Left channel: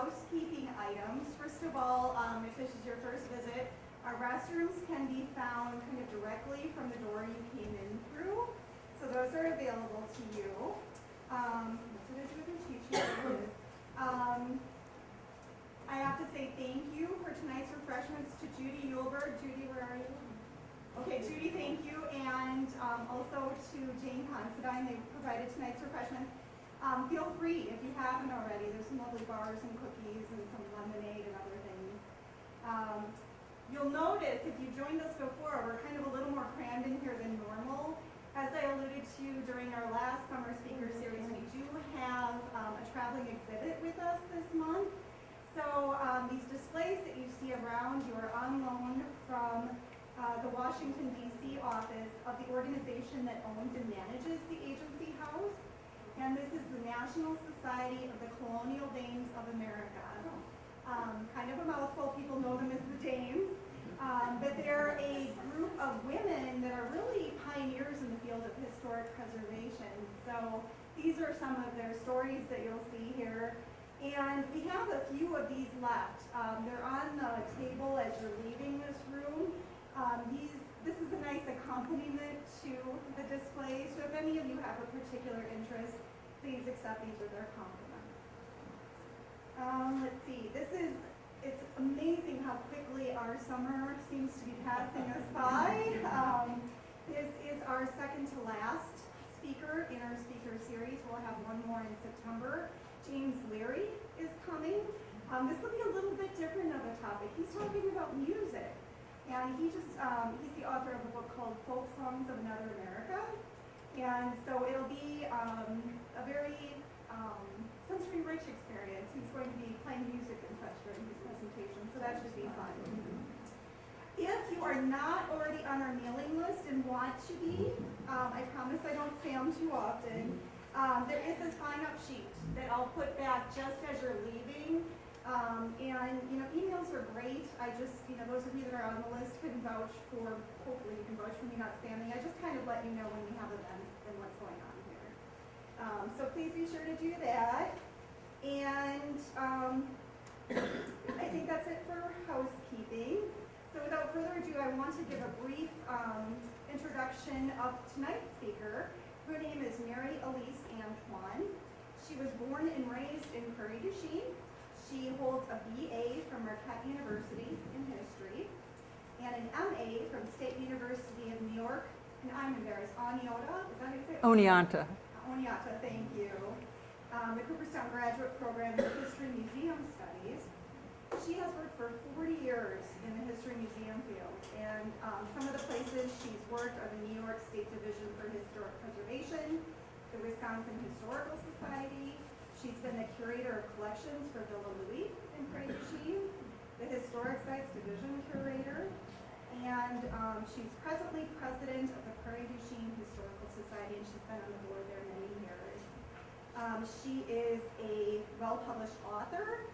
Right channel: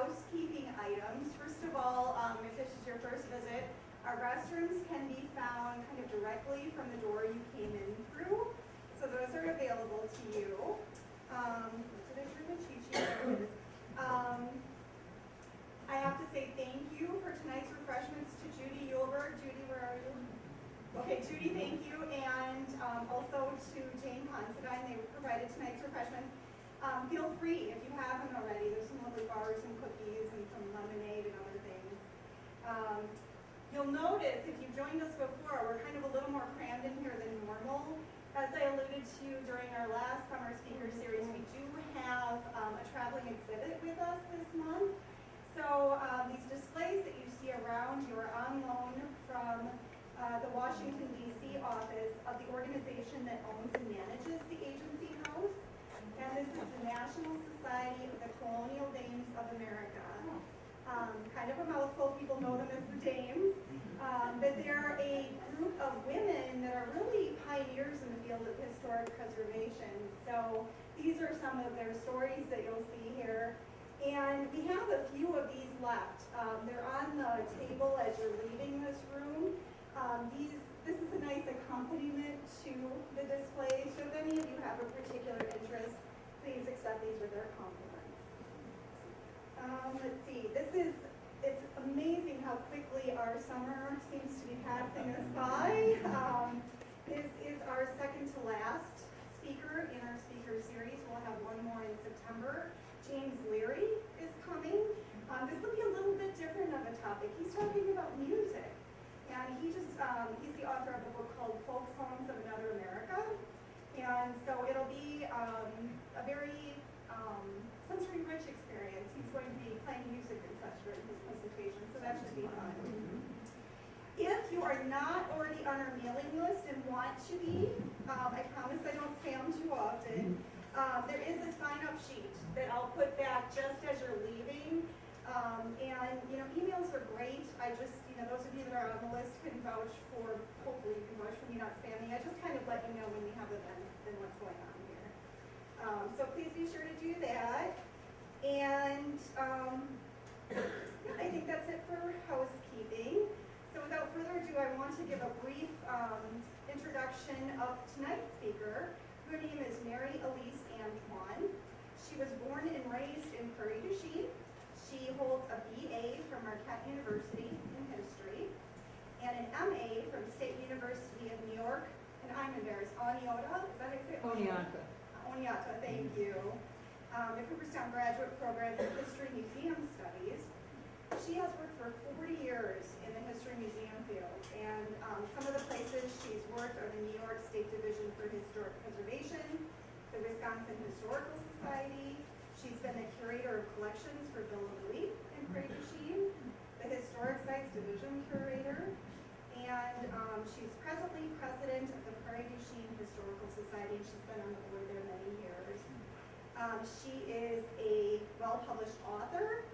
housekeeping items. First of all, if this is your first visit, our restrooms can be found kind of directly from the door you came in through. So those are available to you. So there's your teaching. I have to say thank you for tonight's refreshments to Judy Yulberg. Judy, where are you? Okay, Judy, thank you. And also to Jane Considine, they provided tonight's refreshments. Feel free, if you haven't already, there's some lovely bars and cookies and some lemonade and other things. You'll notice, if you've joined us before, we're kind of a little more crammed in here than normal. As I alluded to during our last summer speaker series, we do have a traveling exhibit with us this month. So these displays that you see around you are on loan from the Washington, D.C. office of the organization that owns and manages the Agency House. And this is the National Society of the Colonial Dames of America. Kind of a mouthful, people know them as the Dames. But they're a group of women that are really pioneers in the field of historic preservation. So these are some of their stories that you'll see here. And we have a few of these left. They're on the table as you're leaving this room. This is a nice accompaniment to the display. So if any of you have a particular interest, please accept these with our compliments. Let's see, it's amazing how quickly our summer seems to be passing us by. This is our second to last speaker in our speaker series. We'll have one more in September. James Leary is coming. This will be a little bit different of a topic. He's talking about music. And he's the author of a book called Folk Songs of Another America. And so it'll be a very sensory-rich experience. He's going to be playing music and such during his presentation, so that should be fun. If you are not already on our mailing list and want to be, I promise I don't spam too often, there is a sign-up sheet that I'll put back just as you're leaving. And emails are great. I just, those of you that are on the list can vouch for, hopefully you can vouch for me not spamming. I just kind of let you know when we have events and what's going on here. So please be sure to do that. And I think that's it for housekeeping. So without further ado, I want to give a brief introduction of tonight's speaker. Her name is Mary Elise Antoine. She was born and raised in Prairie du Chien. She holds a BA from Marquette University in history and an MA from State University of New York. And I'm embarrassed, Oneonta, is that how you say it? Oneonta. Oneonta, thank you. The Cooperstown Graduate Program in History Museum Studies. She has worked for 40 years in the History Museum field, and some of the places she's worked are the New York State Division for Historic Preservation, the Wisconsin Historical Society. She's been the Curator of Collections for Villa Louis in Prairie du Chien, the Historic Sites Division Curator, and she's presently President of the Prairie du Chien Historical Society, and she's been on the board there many years. She is a well-published author.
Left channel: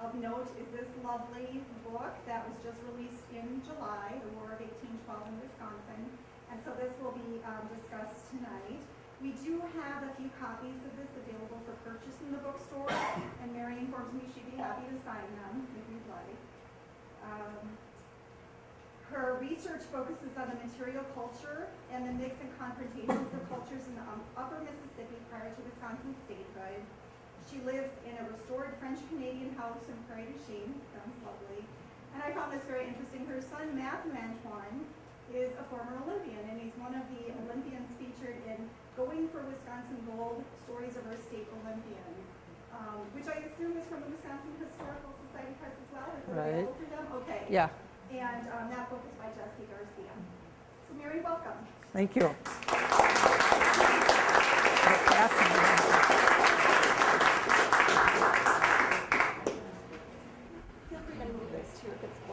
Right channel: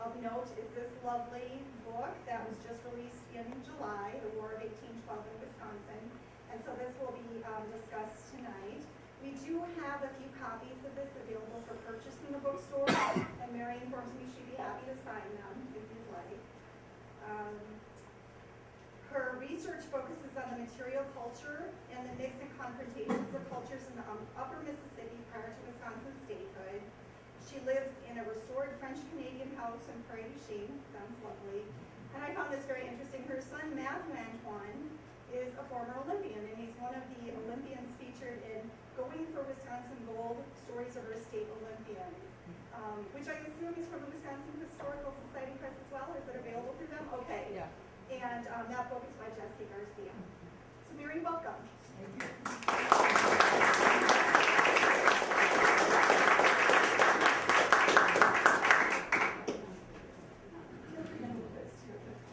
Of note is this lovely book that was just released in July, The War of 1812 in Wisconsin, and so this will be discussed tonight. We do have a few copies of this available for purchase in the bookstore, and Mary informs me she'd be happy to sign them if you'd like. Her research focuses on the material culture and the mix and confrontations of cultures in the upper Mississippi prior to Wisconsin statehood. She lives in a restored French-Canadian house in Prairie du Chien. Sounds lovely. And I found this very interesting. Her son, Matthew Antoine, is a former Olympian, and he's one of the Olympians featured in Going for Wisconsin Gold, Stories of Our State Olympians, which I assume is from the Wisconsin Historical Society Press as well. Is it available through them? Okay. Yeah. And that book is by Jesse Garcia. So Mary, welcome. Thank you.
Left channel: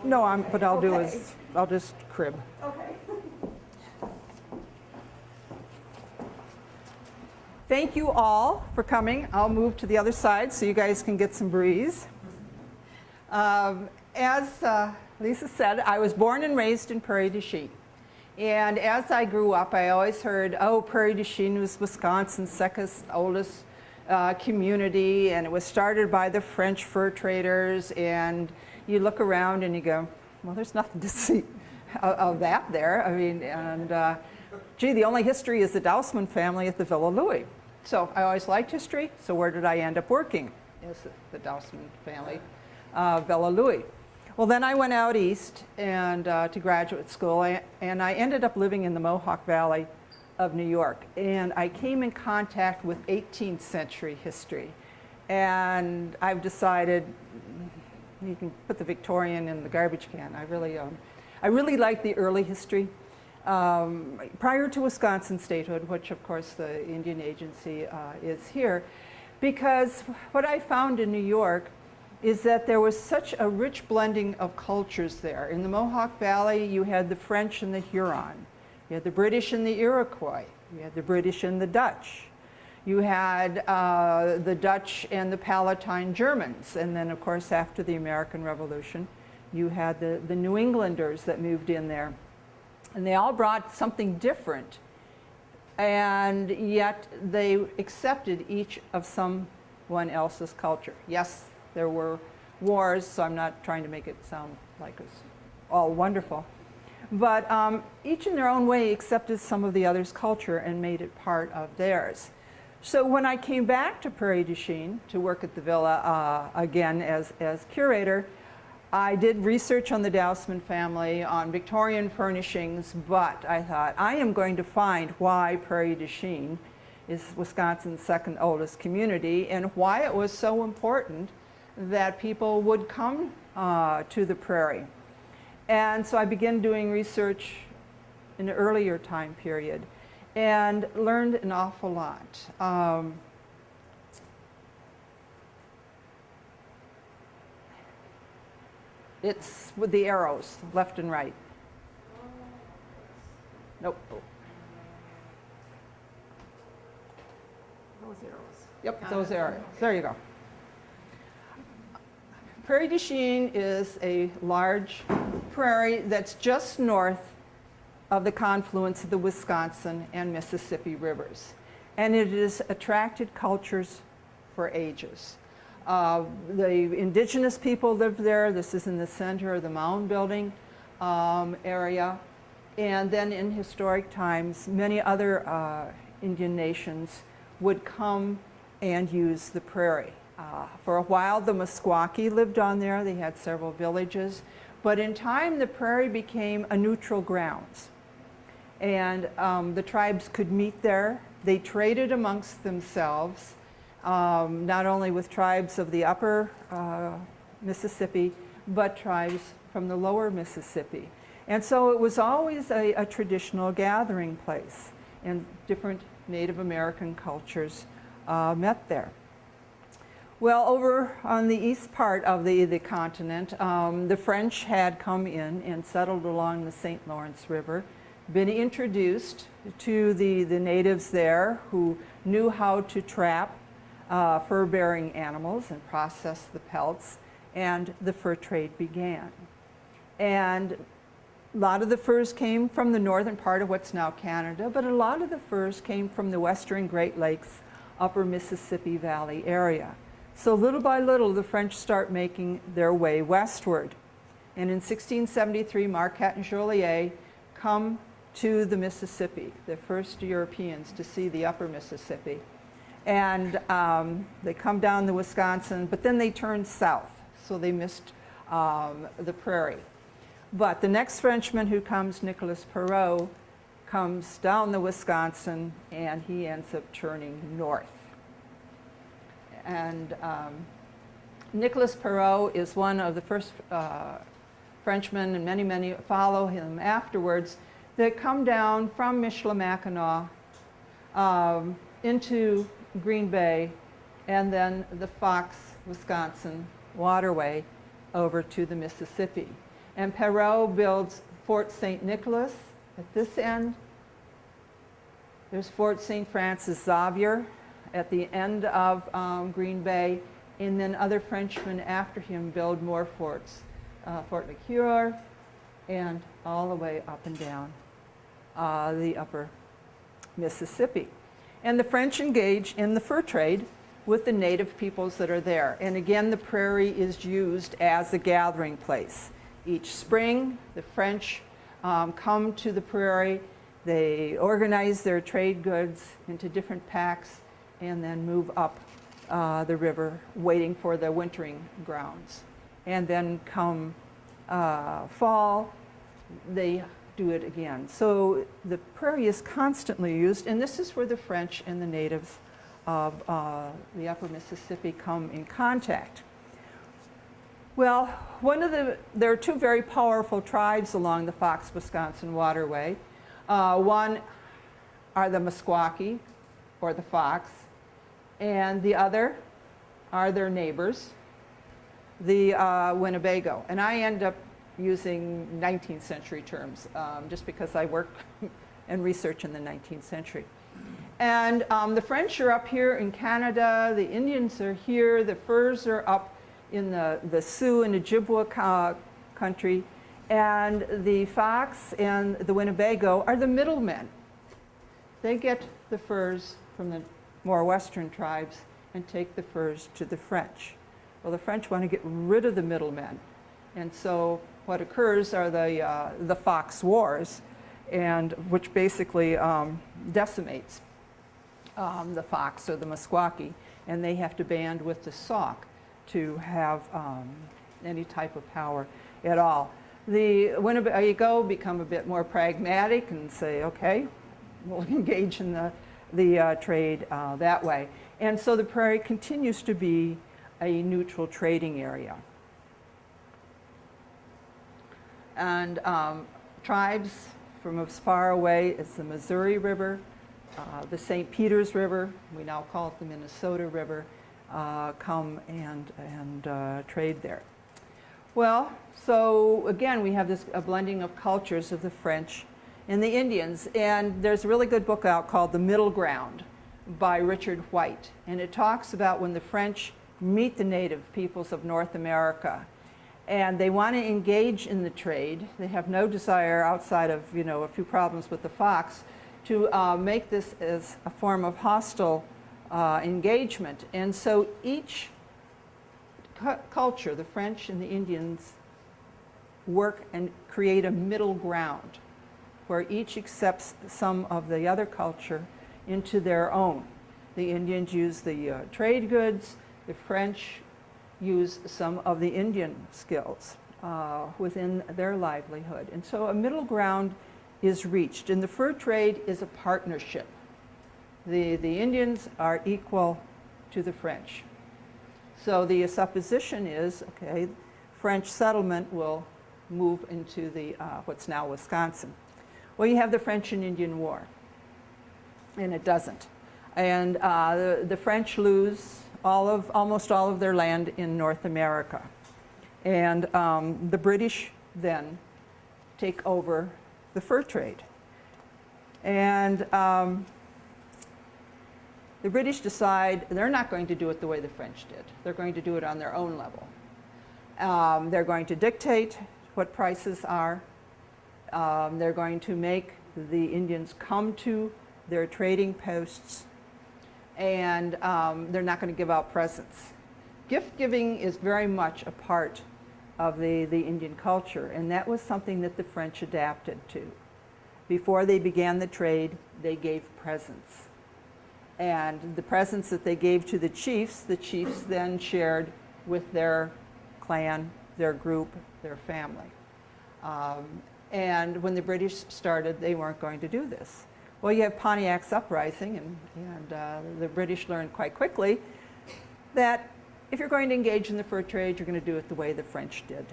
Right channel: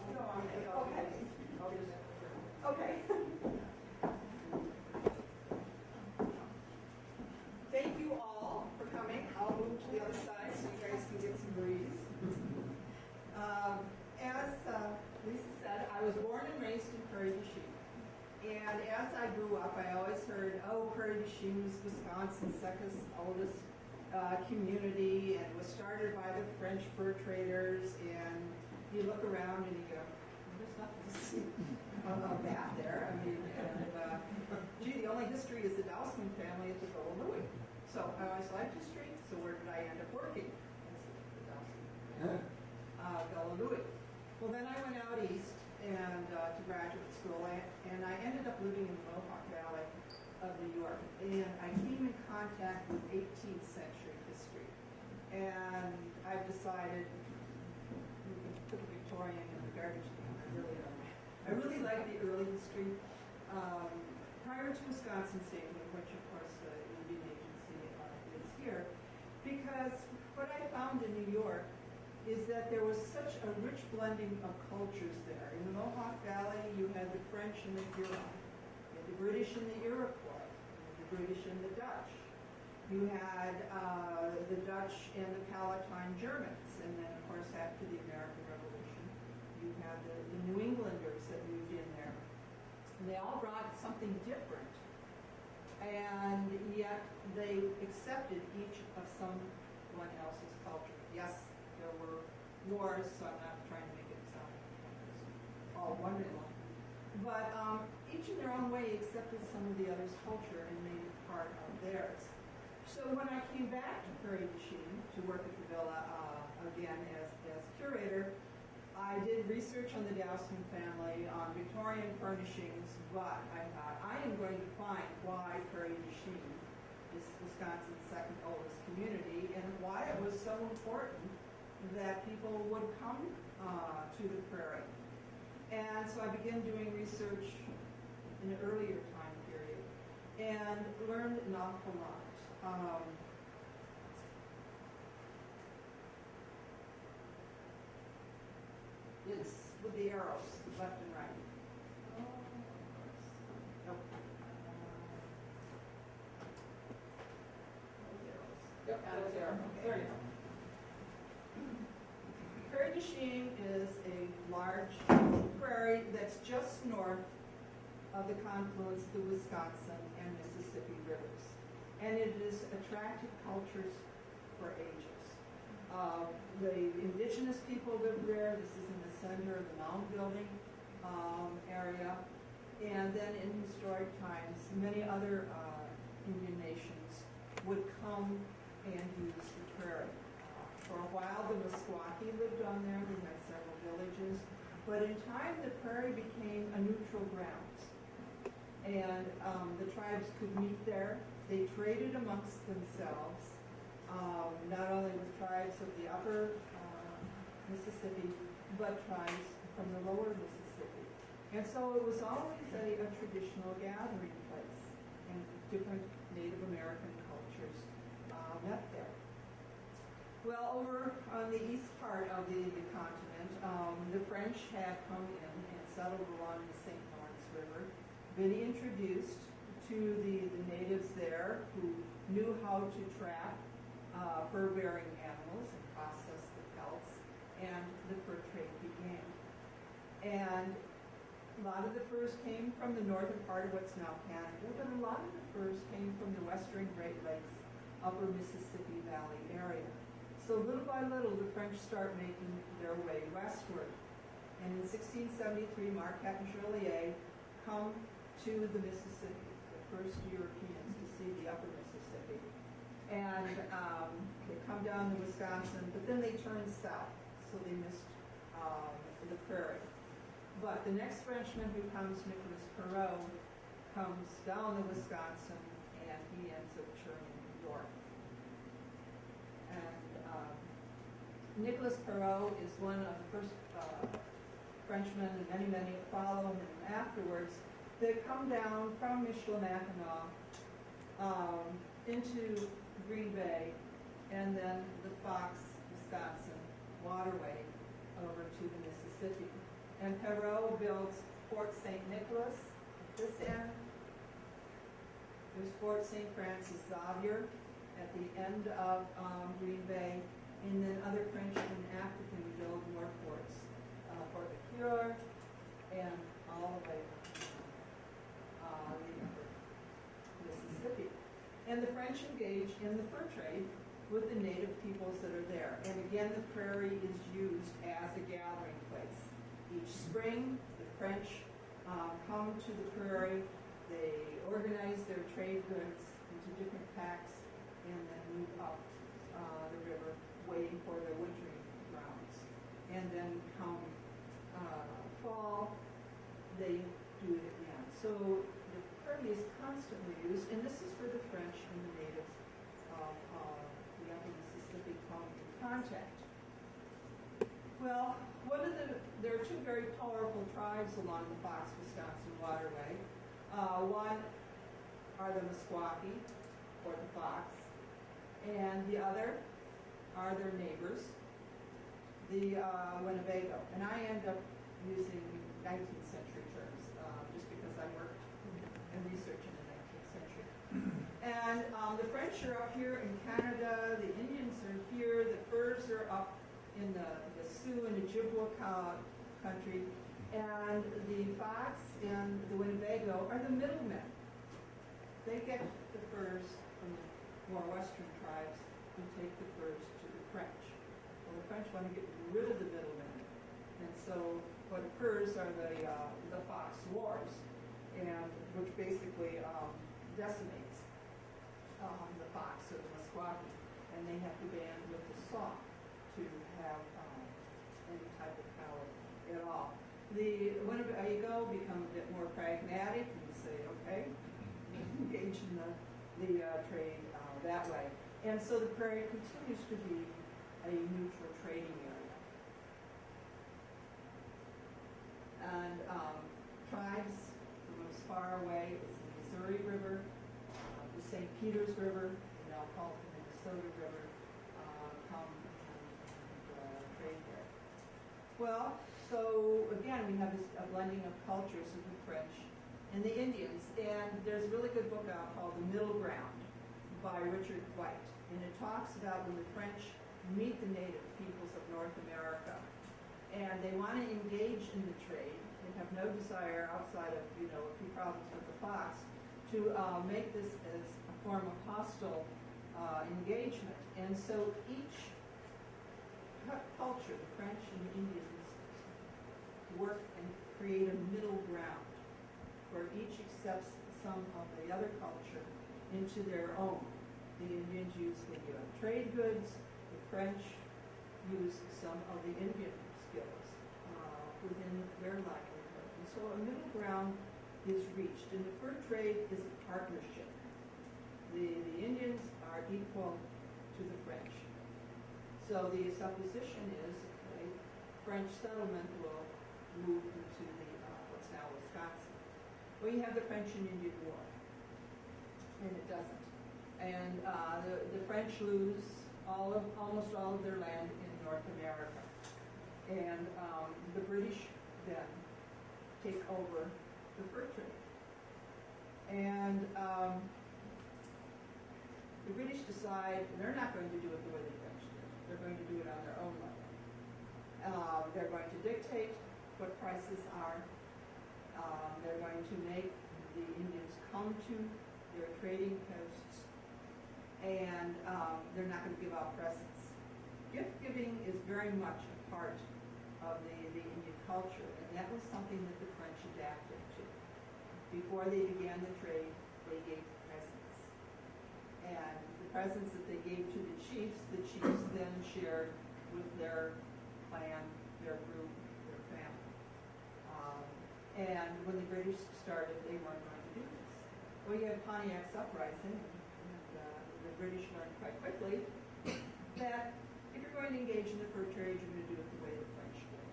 No, what I'll do is I'll just crib. Okay. Thank you all for coming. I'll move to the other side so you guys can get some breeze. As Lisa said, I was born and raised in Prairie du Chien. And as I grew up, I always heard, oh, Prairie du Chien was Wisconsin's second oldest community, and it was started by the French fur traders. And you look around and you go, well, there's nothing to see of that there. I mean, and gee, the only history is the Dousman family at the Villa Louis. So I always liked history, so where did I end up working? Is the Dousman family, Villa Louis. Well, then I went out east and to graduate school, and I ended up living in the Mohawk Valley of New York. And I came in contact with 18th century history. And I've decided, you can put the Victorian in the garbage can. I really like the early history. Prior to Wisconsin statehood, which of course the Indian Agency is here, because what I found in New York is that there was such a rich blending of cultures there. In the Mohawk Valley, you had the French and the Huron. You had the British and the Iroquois. You had the British and the Dutch. You had the Dutch and the Palatine Germans. And then, of course, after the American Revolution, you had the New Englanders that moved in there. And they all brought something different. And yet they accepted each of someone else's culture. Yes, there were wars, so I'm not trying to make it sound like it was all wonderful. But each in their own way accepted some of the other's culture and made it part of theirs. So when I came back to Prairie du Chien to work at the Villa again as curator, I did research on the Dousman family, on Victorian furnishings, but I thought, I am going to find why Prairie du Chien is Wisconsin's second oldest community and why it was so important that people would come to the prairie. And so I began doing research in an earlier time period and learned an awful lot. It's with the arrows, left and right. Nope. Those arrows. Yep, those arrows. There you go. Prairie du Chien is a large prairie that's just north of the confluence of the Wisconsin and Mississippi rivers. And it has attracted cultures for ages. The indigenous people lived there. This is in the center of the mound building area. And then in historic times, many other Indian nations would come and use the prairie. For a while, the Meskwaki lived on there. They had several villages. But in time, the prairie became a neutral grounds. And the tribes could meet there. They traded amongst themselves, not only with tribes of the upper Mississippi, but tribes from the lower Mississippi. And so it was always a traditional gathering place, and different Native American cultures met there. Well, over on the east part of the continent, the French had come in and settled along the St. Lawrence River, been introduced to the natives there who knew how to trap fur-bearing animals and process the pelts, and the fur trade began. And a lot of the furs came from the northern part of what's now Canada, but a lot of the furs came from the western Great Lakes, upper Mississippi Valley area. So little by little, the French start making their way westward. And in 1673, Marquette and Joliet come to the Mississippi, the first Europeans to see the upper Mississippi. And they come down the Wisconsin, but then they turn south, so they missed the prairie. But the next Frenchman who comes, Nicolas Perrot, comes down the Wisconsin, and he ends up turning north. And Nicolas Perrot is one of the first Frenchmen, and many, many follow him afterwards, that come down from Michilimackinac into Green Bay, and then the Fox, Wisconsin waterway over to the Mississippi. And Perrot builds Fort St. Nicholas at this end. There's Fort St. Francis Xavier at the end of Green Bay, and then other Frenchmen after him build more forts. Fort LeCueur, and all the way up and down the upper Mississippi. And the French engage in the fur trade with the native peoples that are there. And again, the prairie is used as a gathering place. Each spring, the French come to the prairie, they organize their trade goods into different packs, and then move up the river, waiting for the wintering grounds. And then come fall, they do it again. So the prairie is constantly used, and this is where the French and the natives of the upper Mississippi come in contact. Well, there are two very powerful tribes along the Fox-Wisconsin waterway. One are the Meskwaki, or the Fox, and the other are their neighbors, the Winnebago. And I end up using 19th century terms just because I work and research in the 19th century. And the French are up here in Canada, the Indians are here, the Furs are up in the Sioux and Ojibwa country, and the Fox and the Winnebago are the middlemen. They get the furs from the more western tribes and take the furs to the French. Well, the French want to get rid of the middlemen, and so what occurs are the Fox Wars, and which basically decimates the Fox or the Meskwaki, and they have to band with the Sauk to have any type of power at all. The Winnebago become a bit more pragmatic and say, okay, we'll engage in the trade that way. And so the prairie continues to be a neutral trading area. And tribes from as far away as the Missouri River, the St. Peters River, we now call it the Minnesota River, come and trade there. Well, so again, we have a blending of cultures of the French and the Indians. And there's a really good book out called The Middle Ground by Richard White. And it talks about when the French meet the native peoples of North America. And they want to engage in the trade. They have no desire outside of, a few problems with the Fox to make this as a form of hostile engagement. And so each culture, the French and the Indians, work and create a middle ground where each accepts some of the other culture into their own. The Indians use the trade goods, the French use some of the Indian skills within their livelihood. And so a middle ground is reached, and the fur trade is a partnership. The Indians are equal to the French. So the supposition is, okay, French settlement will move into the what's now Wisconsin. Well, you have the French and Indian War, and it doesn't. And the French lose almost all of their land in North America. And the British then take over the fur trade. And the British decide they're not going to do it the way the French did. They're going to do it on their own level. They're going to dictate what prices are. They're going to make the Indians come to their trading posts, and they're not going to give out presents. Gift giving is very much a part of the Indian culture, and that was something that the French adapted to. Before they began the trade, they gave presents. And the presents that they gave to the chiefs then shared with their clan, their group, their family. And when the British started, they weren't going to do this. Well, you have Pontiac's uprising, and the British learned quite quickly that if you're going to engage in the fur trade, you're going to do it the way the French did.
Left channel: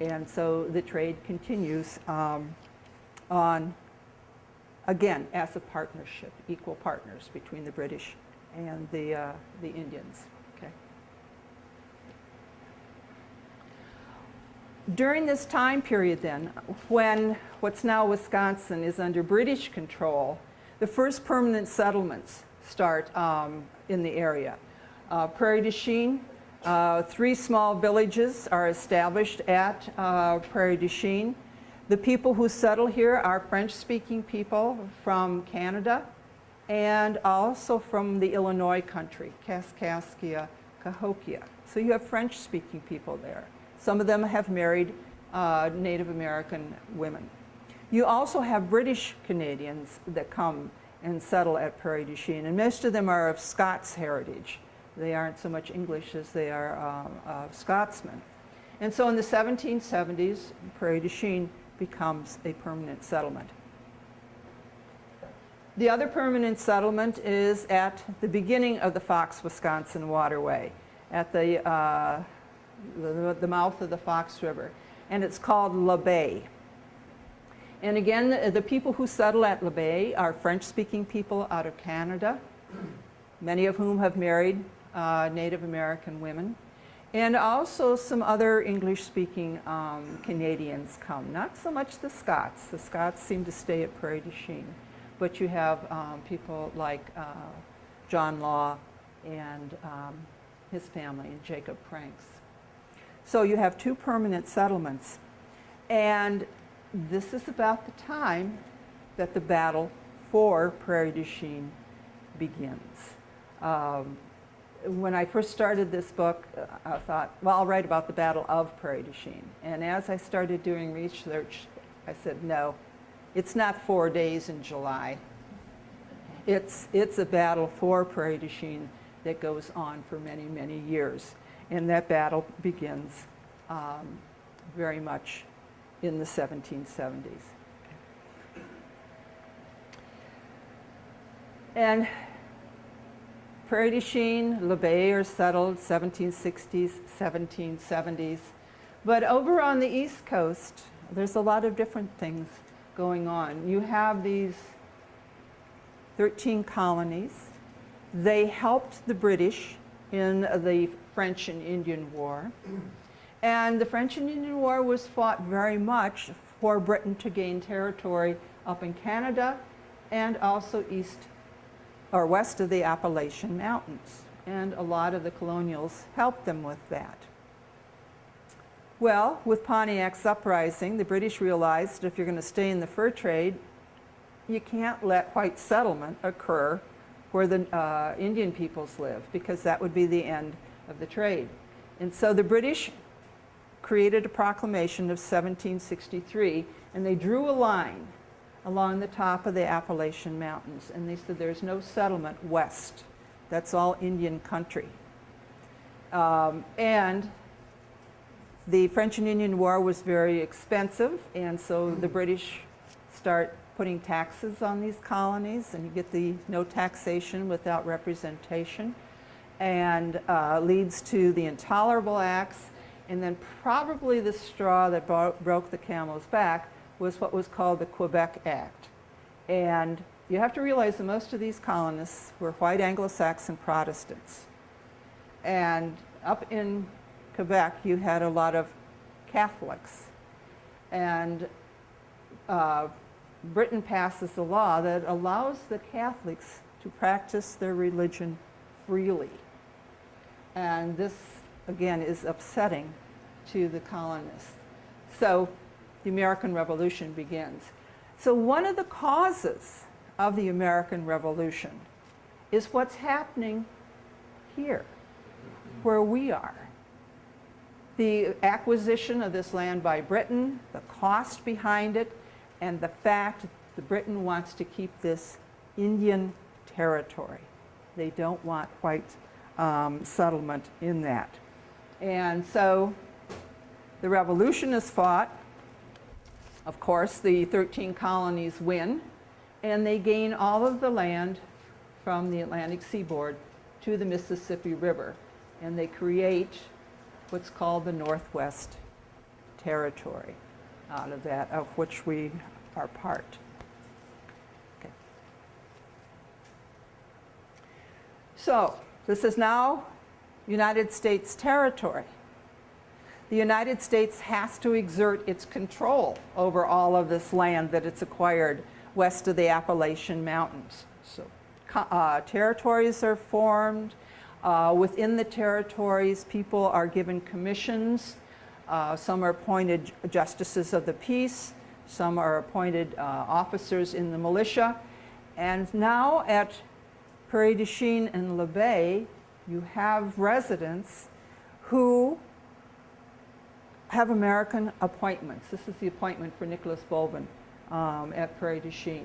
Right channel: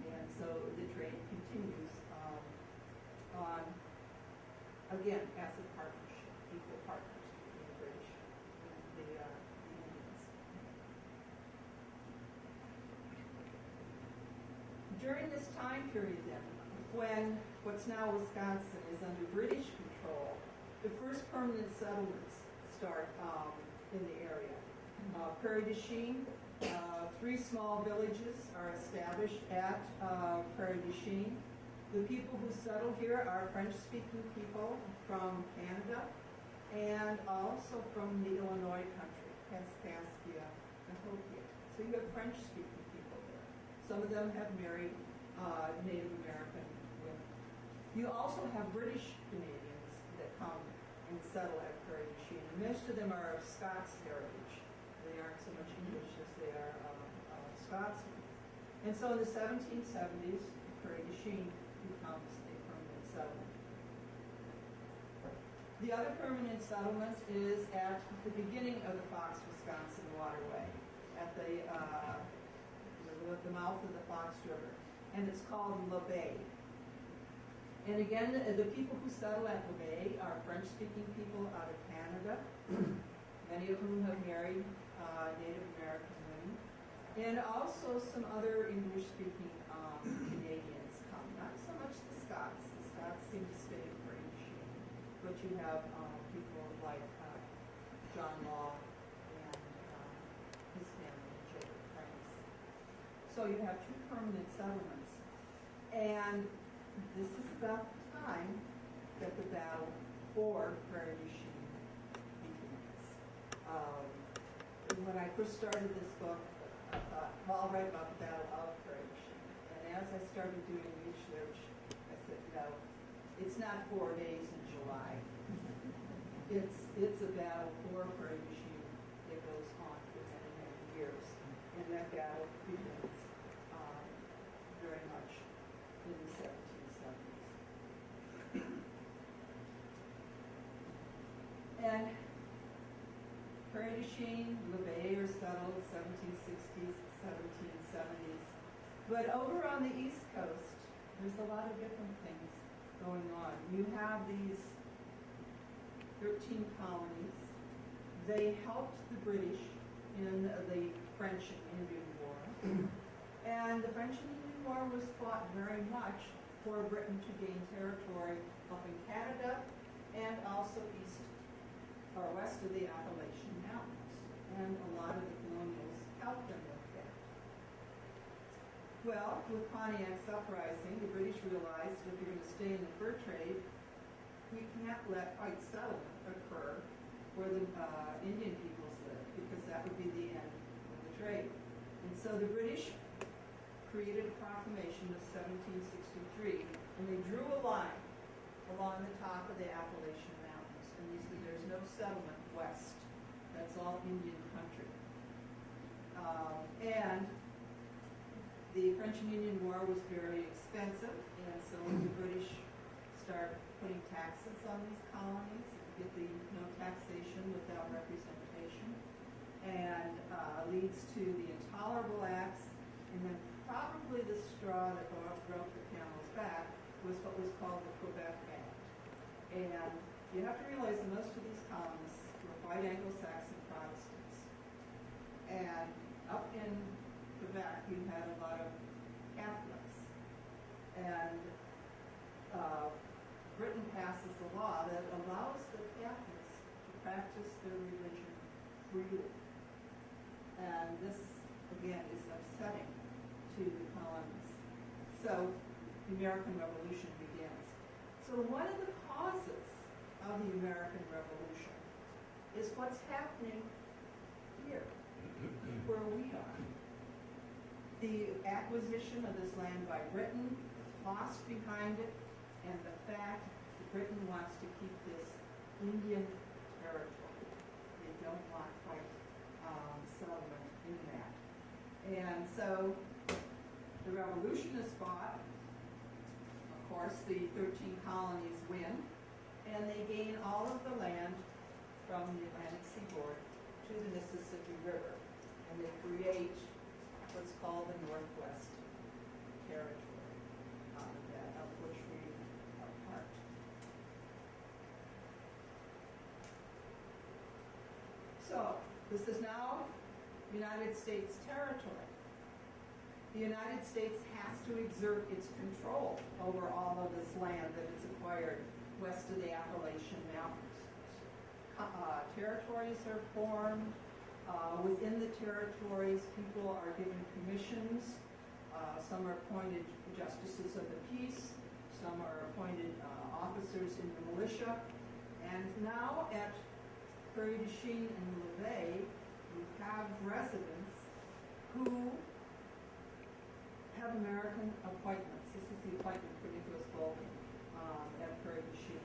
And so the trade continues on, again, as a partnership, equal partners between the British and the Indians. Okay. During this time period then, when what's now Wisconsin is under British control, the first permanent settlements start in the area. Prairie du Chien, 3 small villages are established at Prairie du Chien. The people who settle here are French-speaking people from Canada, and also from the Illinois country, Kaskaskia, Cahokia. So you have French-speaking people there. Some of them have married Native American women. You also have British Canadians that come and settle at Prairie du Chien, and most of them are of Scots heritage. They aren't so much English as they are Scotsmen. And so in the 1770s, Prairie du Chien becomes a permanent settlement. The other permanent settlement is at the beginning of the Fox-Wisconsin waterway, at the mouth of the Fox River, and it's called L'Abbaye. And again, the people who settle at L'Abbaye are French-speaking people out of Canada, many of whom have married Native American women, and also some other English-speaking Canadians come. Not so much the Scots. The Scots seem to stay at Prairie du Chien, but you have people like John Law and his family, and Jacob Pranks. So you have two permanent settlements, and this is about the time that the battle for Prairie du Chien begins. When I first started this book, I thought, well, I'll write about the Battle of Prairie du Chien. And as I started doing research, I said, no, it's not 4 days in July. It's a battle for Prairie du Chien that goes on for many, many years. And that battle begins very much in the 1770s. And Prairie du Chien, L'Abbaye are settled 1760s, 1770s. But over on the East Coast, there's a lot of different things going on. You have these 13 colonies. They helped the British in the French and Indian War. And the French and Indian War was fought very much for Britain to gain territory up in Canada and also east or west of the Appalachian Mountains. And a lot of the colonials helped them with that. Well, with Pontiac's uprising, the British realized if you're going to stay in the fur trade, you can't let white settlement occur where the Indian peoples live, because that would be the end of the trade. And so the British created a proclamation of 1763, and they drew a line along the top of the Appalachian Mountains, and they said there's no settlement west. That's all Indian country. And the French and Indian War was very expensive, and so the British start putting taxes on these colonies, and you get the no taxation without representation, and leads to the Intolerable Acts. And then probably the straw that broke the camel's back was what was called the Quebec Act. And you have to realize that most of these colonists were white Anglo-Saxon Protestants. And up in Quebec, you had a lot of Catholics. And Britain passes a law that allows the Catholics to practice their religion freely. And this, again, is upsetting to the colonists. So the American Revolution begins. So one of the causes of the American Revolution is what's happening here, where we are. The acquisition of this land by Britain, the cost behind it, and the fact that Britain wants to keep this Indian territory. They don't want white settlement in that. And so the revolution is fought. Of course, the 13 colonies win, and they gain all of the land from the Atlantic seaboard to the Mississippi River, and they create what's called the Northwest Territory out of that, of which we are part. Okay. So this is now United States territory. The United States has to exert its control over all of this land that it's acquired west of the Appalachian Mountains. So territories are formed. Within the territories, people are given commissions. Some are appointed justices of the peace. Some are appointed officers in the militia. And now at Prairie du Chien and Le Bay, you have residents who have American appointments. This is the appointment for Nicholas Bolvin at Prairie du Chien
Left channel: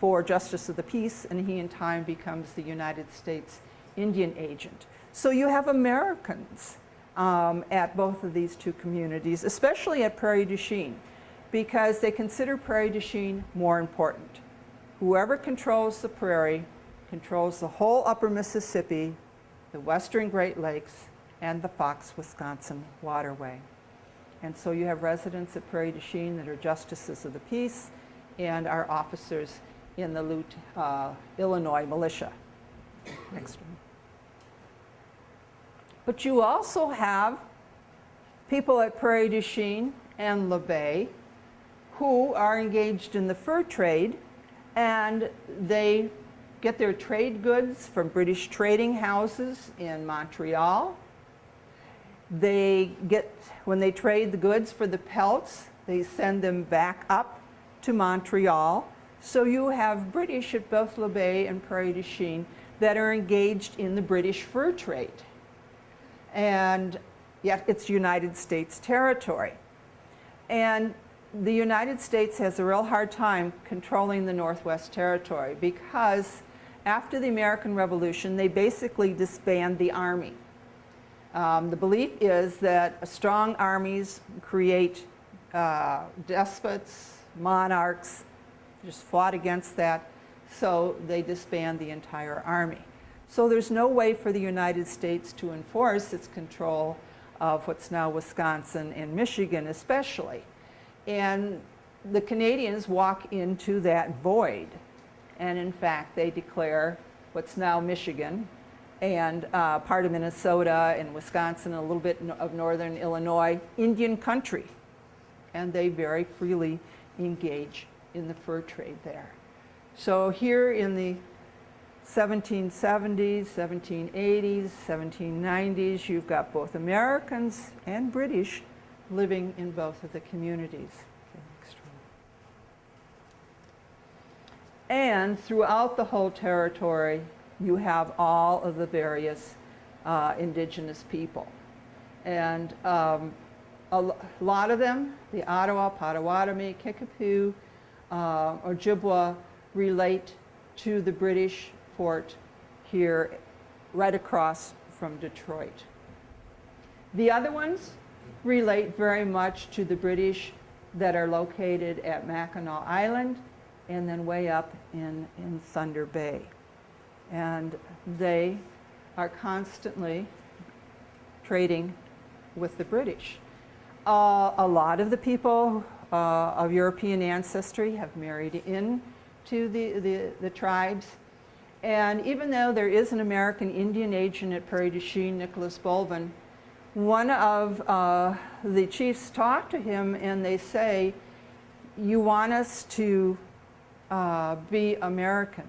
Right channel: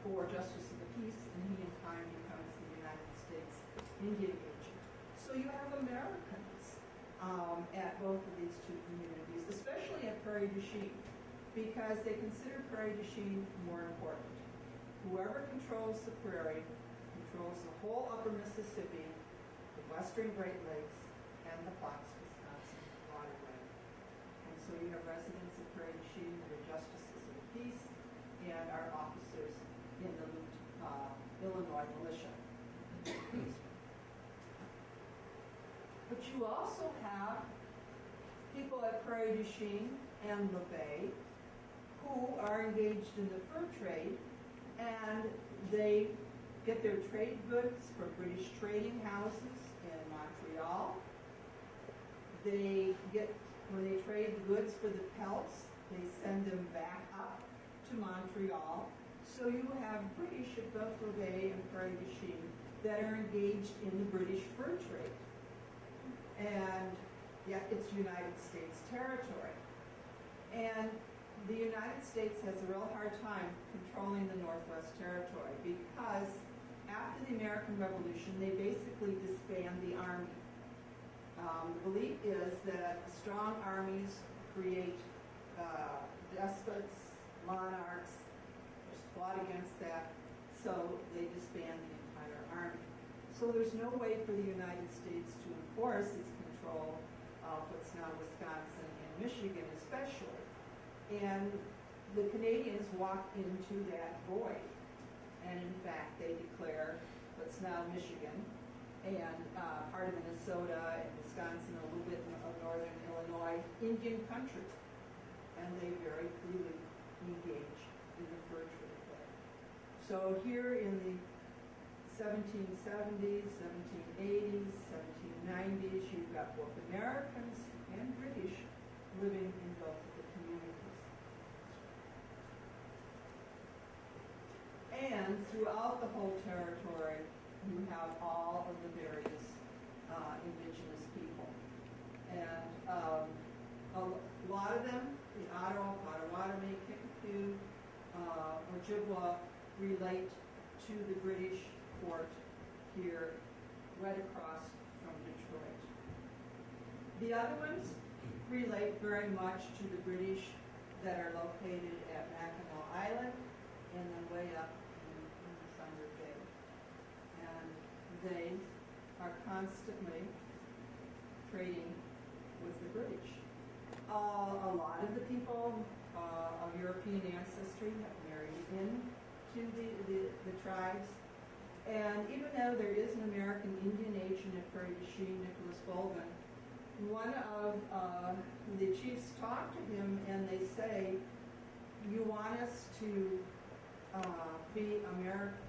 for Justice of the Peace, and he in time becomes the United States Indian agent. So you have Americans at both of these two communities, especially at Prairie du Chien, because they consider Prairie du Chien more important. Whoever controls the prairie controls the whole upper Mississippi, the western Great Lakes, and the Fox, Wisconsin waterway. And so you have residents at Prairie du Chien that are justices of the peace and are officers in the Lute, Illinois militia. Next one. But you also have people at Prairie du Chien and Le Bay who are engaged in the fur trade, and they get their trade goods from British trading houses in Montreal. They get, when they trade the goods for the pelts, they send them back up to Montreal. So you have British at both Le Bay and Prairie du Chien that are engaged in the British fur trade. And yet it's United States territory. And the United States has a real hard time controlling the Northwest Territory because after the American Revolution, they basically disband the army. The belief is that strong armies create despots, monarchs, just fought against that, so they disband the entire army. So there's no way for the United States to enforce its control of what's now Wisconsin and Michigan especially. And the Canadians walk into that void. And in fact, they declare what's now Michigan and part of Minnesota and Wisconsin, a little bit of northern Illinois, Indian country. And they very freely engage in the fur trade there. So here in the 1770s, 1780s, 1790s, you've got both Americans and British living in both of the communities. And throughout the whole territory, you have all of the various indigenous people. And a lot of them, the Ottawa, Potawatomi, Kickapoo, Ojibwa, relate to the British port here right across from Detroit. The other ones relate very much to the British that are located at Mackinac Island and then way up in Thunder Bay. And they are constantly trading with the British. A lot of the people of European ancestry have married into the tribes. And even though there is an American Indian agent at Prairie du Chien, Nicholas Bolvin, one of the chiefs talk to him and they say, you want us to be American,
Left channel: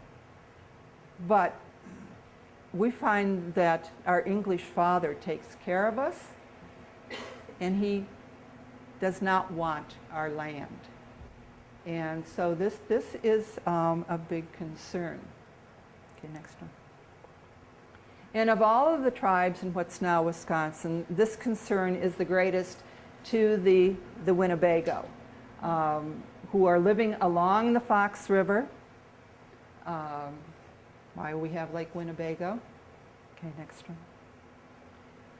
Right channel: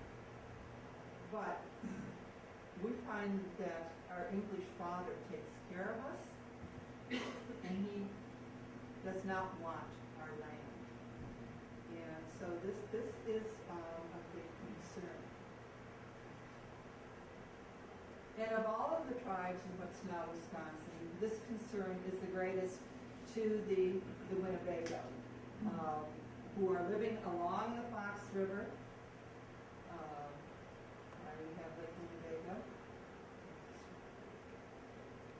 but we find that our English father takes care of us and he does not want our land. And so this is a big concern. Okay, next one. And of all of the tribes in what's now Wisconsin, this concern is the greatest to the Winnebago, who are living along the Fox River. Why we have Lake Winnebago. Okay, next one.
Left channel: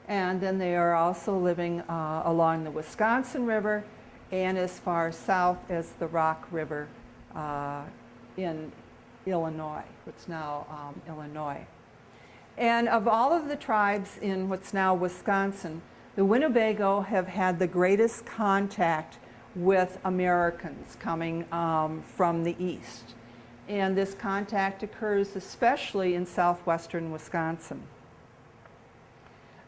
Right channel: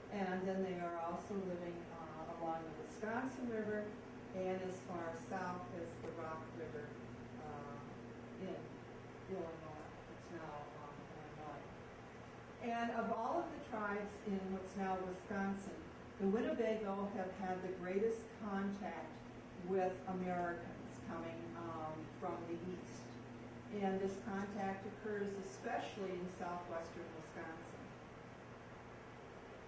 And then they are also living along the Wisconsin River and as far south as the Rock River in Illinois, what's now Illinois. And of all of the tribes in what's now Wisconsin, the Winnebago have had the greatest contact with Americans coming from the east. And this contact occurs especially in southwestern Wisconsin.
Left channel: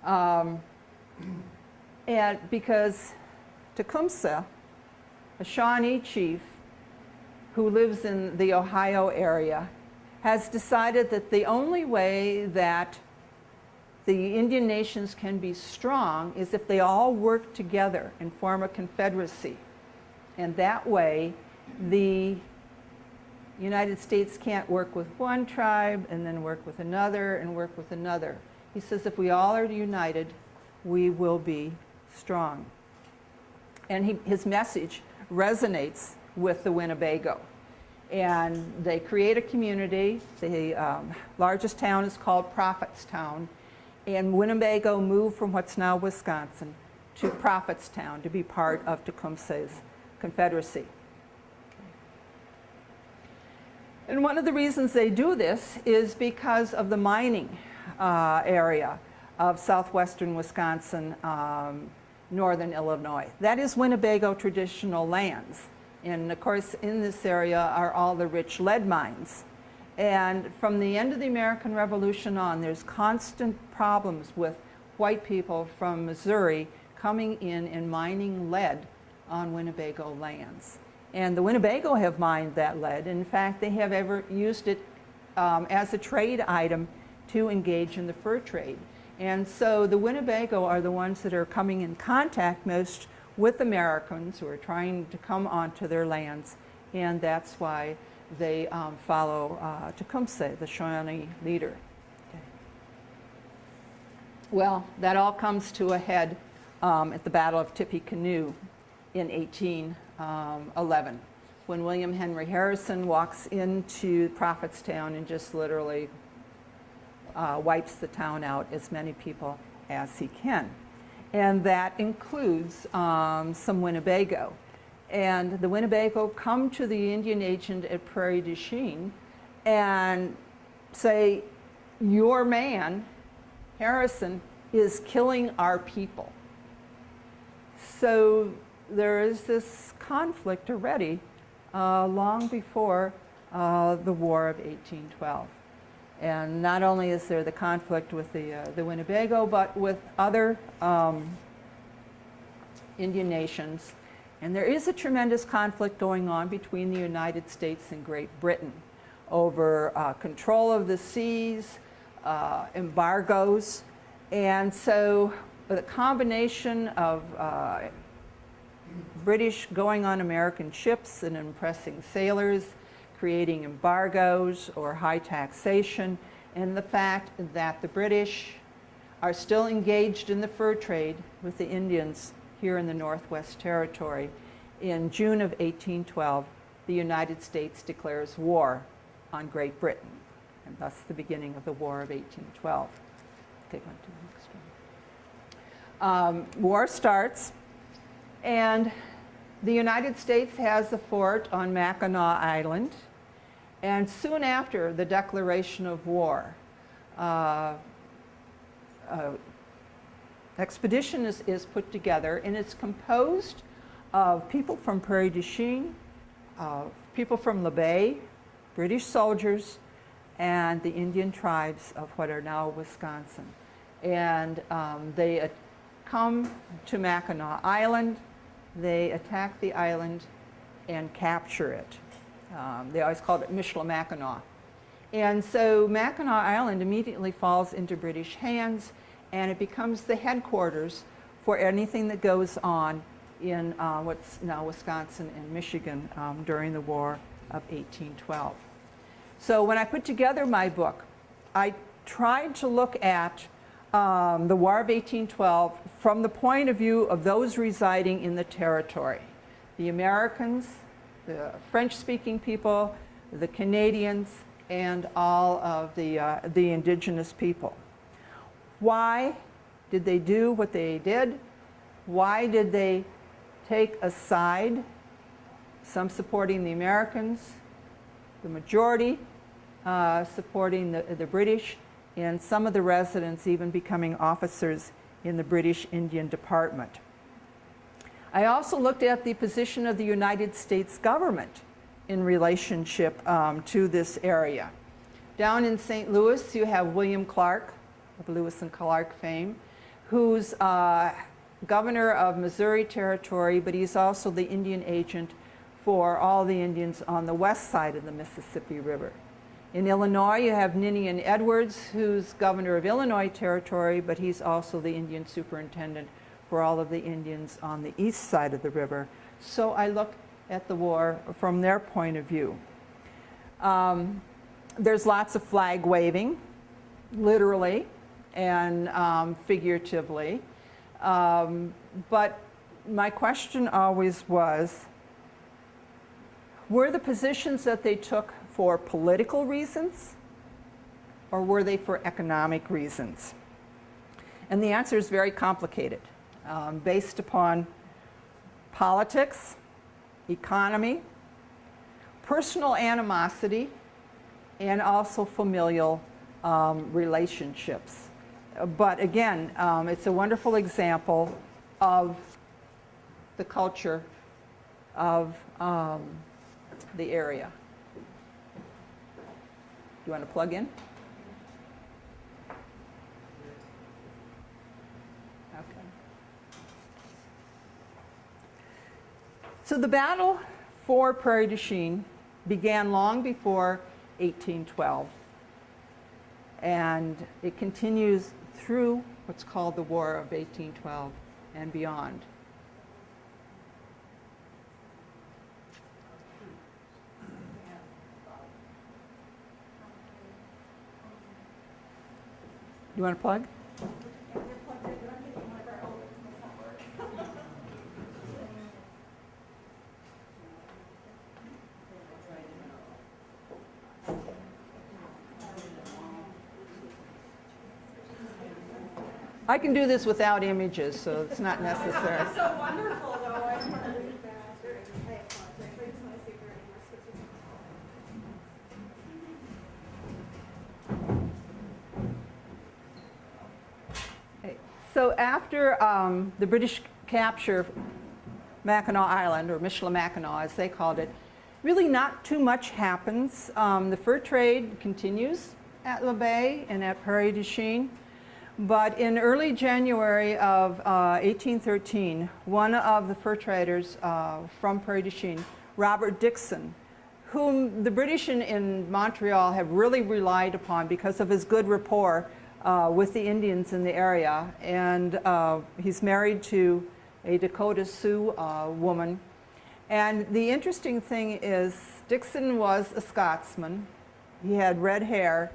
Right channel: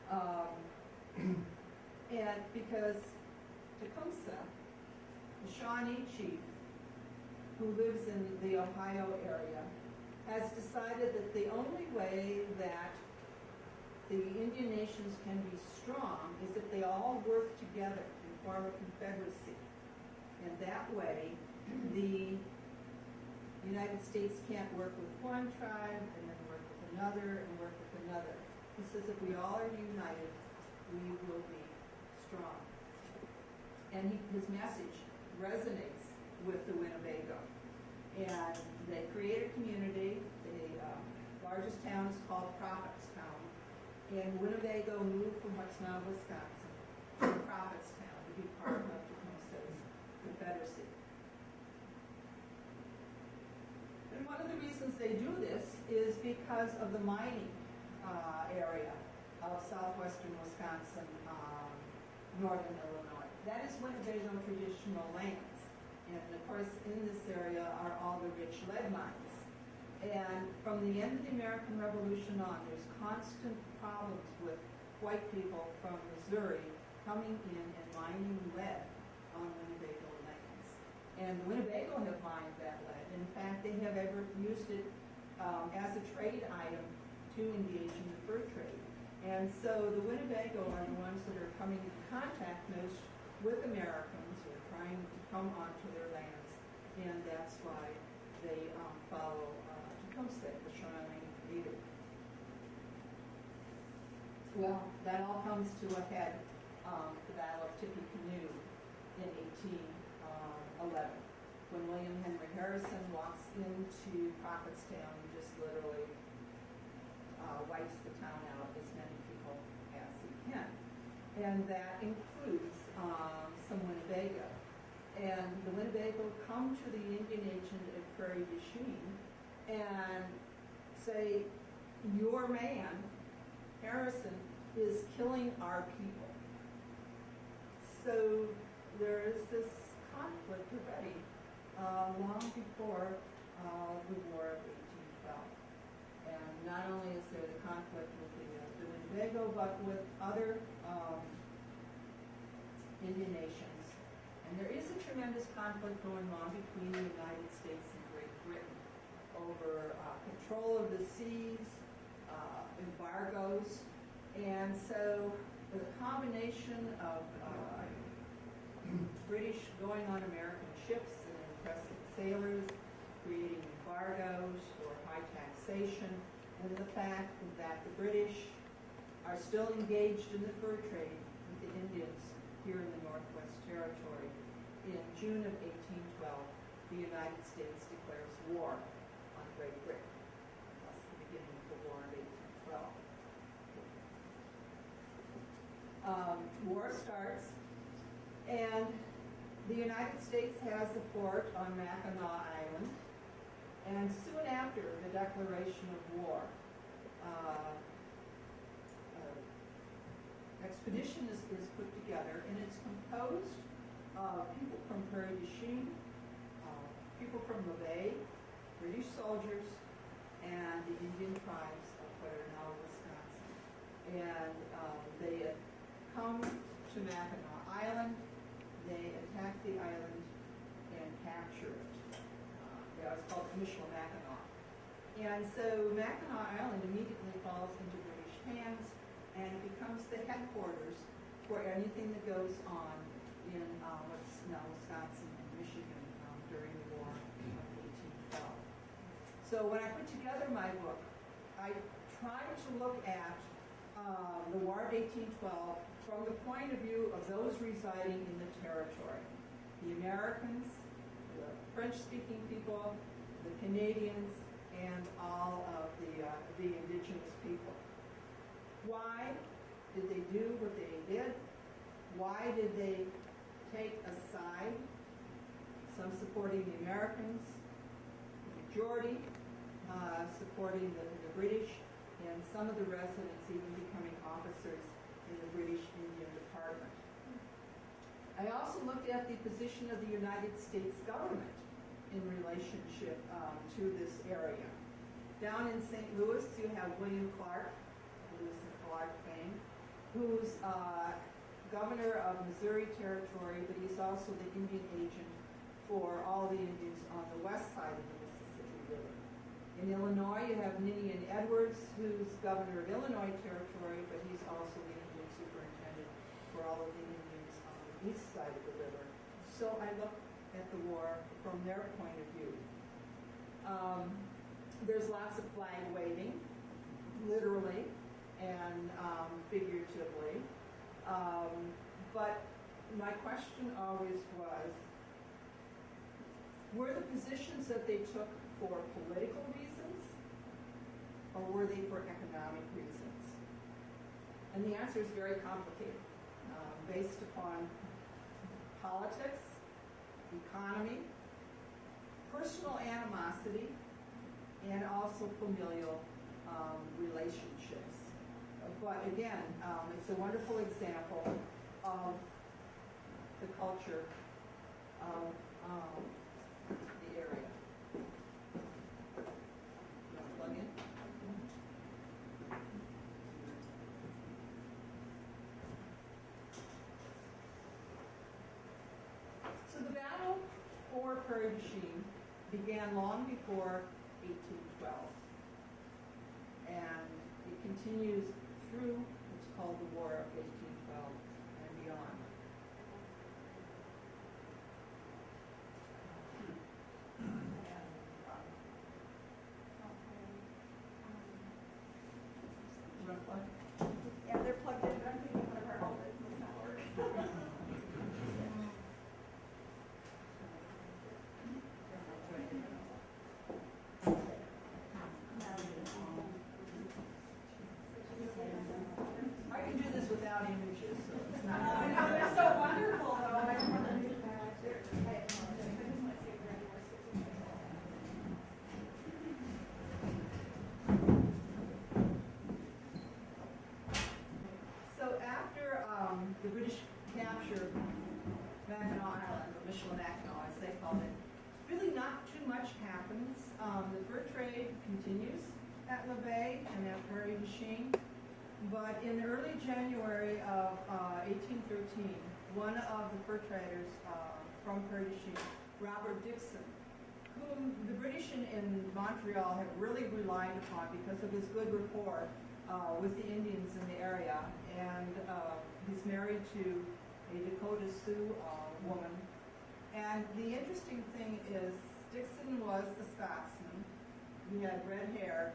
And because Tecumseh, a Shawnee chief who lives in the Ohio area, has decided that the only way that the Indian nations can be strong is if they all work together and form a confederacy. And that way, the The United States can't work with one tribe and then work with another and work with another. He says if we all are united, we will be strong. And his message resonates with the Winnebago. And they create a community. The largest town is called Prophetstown. And Winnebago moved from what's now Wisconsin to Prophetstown to be part of Tecumseh's Confederacy. And one of the reasons they do this is because of the mining area of southwestern Wisconsin, northern Illinois. That is Winnebago traditional lands. And of course, in this area are all the rich lead mines. And from the end of the American Revolution on, there's constant problems with white people from Missouri coming in and mining lead on Winnebago lands. And the Winnebago have mined that lead. In fact, they have ever used it as a trade item to engage in the fur trade. And so the Winnebago are the ones that are coming in contact most with Americans who are trying to come onto their lands. And that's why they follow Tecumseh, the Shawnee leader. Okay. Well, that all comes to a head at the Battle of Tippecanoe in 1811, when William Henry Harrison walks into Prophetstown and just literally wipes the town out, as many people as he can. And that includes some Winnebago. And the Winnebago come to the Indian agent at Prairie du Chien and say, your man, Harrison, is killing our people. So there is this conflict already long before the War of 1812. And not only is there the conflict with the Winnebago, but with other Indian nations. And there is a tremendous conflict going on between the United States and Great Britain over control of the seas, embargoes. And so the combination of British going on American ships and impressing sailors, creating embargoes or high taxation, and the fact that the British are still engaged in the fur trade with the Indians here in the Northwest Territory. In June of 1812, the United States declares war on Great Britain, and thus the beginning of the War of 1812. Take one to the next one. War starts, and the United States has a fort on Mackinac Island. And soon after the declaration of war, expedition is put together, and it's composed of people from Prairie du Chien, people from La Bay, British soldiers, and the Indian tribes of what are now Wisconsin. And they come to Mackinac Island, they attack the island and capture it. They always called it Michilimackinac. And so Mackinac Island immediately falls into British hands, and it becomes the headquarters for anything that goes on in what's now Wisconsin and Michigan during the War of 1812. So when I put together my book, I tried to look at the War of 1812 from the point of view of those residing in the territory. The Americans, the French-speaking people, the Canadians, and all of the indigenous people. Why did they do what they did? Why did they take a side? Some supporting the Americans, the majority supporting the British, and some of the residents even becoming officers in the British Indian Department. I also looked at the position of the United States government in relationship to this area. Down in St. Louis, you have William Clark, of Lewis and Clark fame, who's governor of Missouri Territory, but he's also the Indian agent for all the Indians on the west side of the Mississippi River. In Illinois, you have Ninian Edwards, who's governor of Illinois Territory, but he's also the Indian superintendent for all of the Indians on the east side of the river. So I look at the war from their point of view. There's lots of flag waving, literally and figuratively. But my question always was, were the positions that they took for political reasons, or were they for economic reasons? And the answer is very complicated, based upon politics, economy, personal animosity, and also familial relationships. But again, it's a wonderful example of the culture of the area. You want to plug in? Okay. So the battle for Prairie du Chien began long before 1812. And it continues through what's called the War of 1812 and beyond. You want to plug? Yeah, they're plugged in. I'm hitting one of our outlets must not work. I can do this without images, so it's not necessary. It's so wonderful, though. So after the British capture Mackinac Island, or Michilimackinac as they called it, really not too much happens. The fur trade continues at La Baye and at Prairie du Chien. But in early January of 1813, one of the fur traders from Prairie du Chien, Robert Dixon, whom the British in Montreal have really relied upon because of his good rapport with the Indians in the area. And he's married to a Dakota Sioux woman. And the interesting thing is, Dixon was a Scotsman. He had red hair.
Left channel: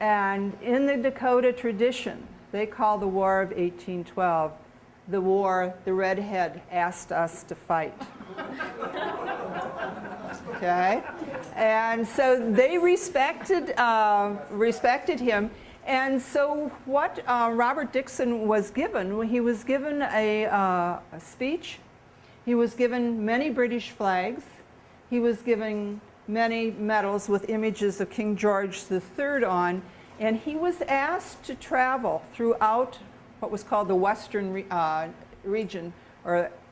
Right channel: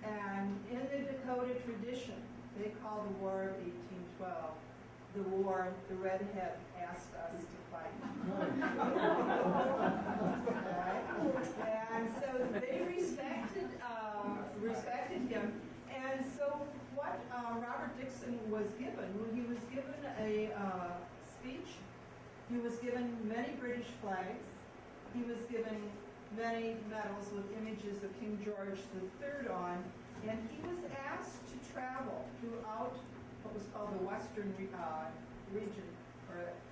And in the Dakota tradition, they call the War of 1812 the war the redhead asked us to fight. Okay? And so they respected him. And so what Robert Dixon was given, he was given a speech. He was given many British flags. He was given many medals with images of King George III on, and he was asked to travel throughout what was called the Western region,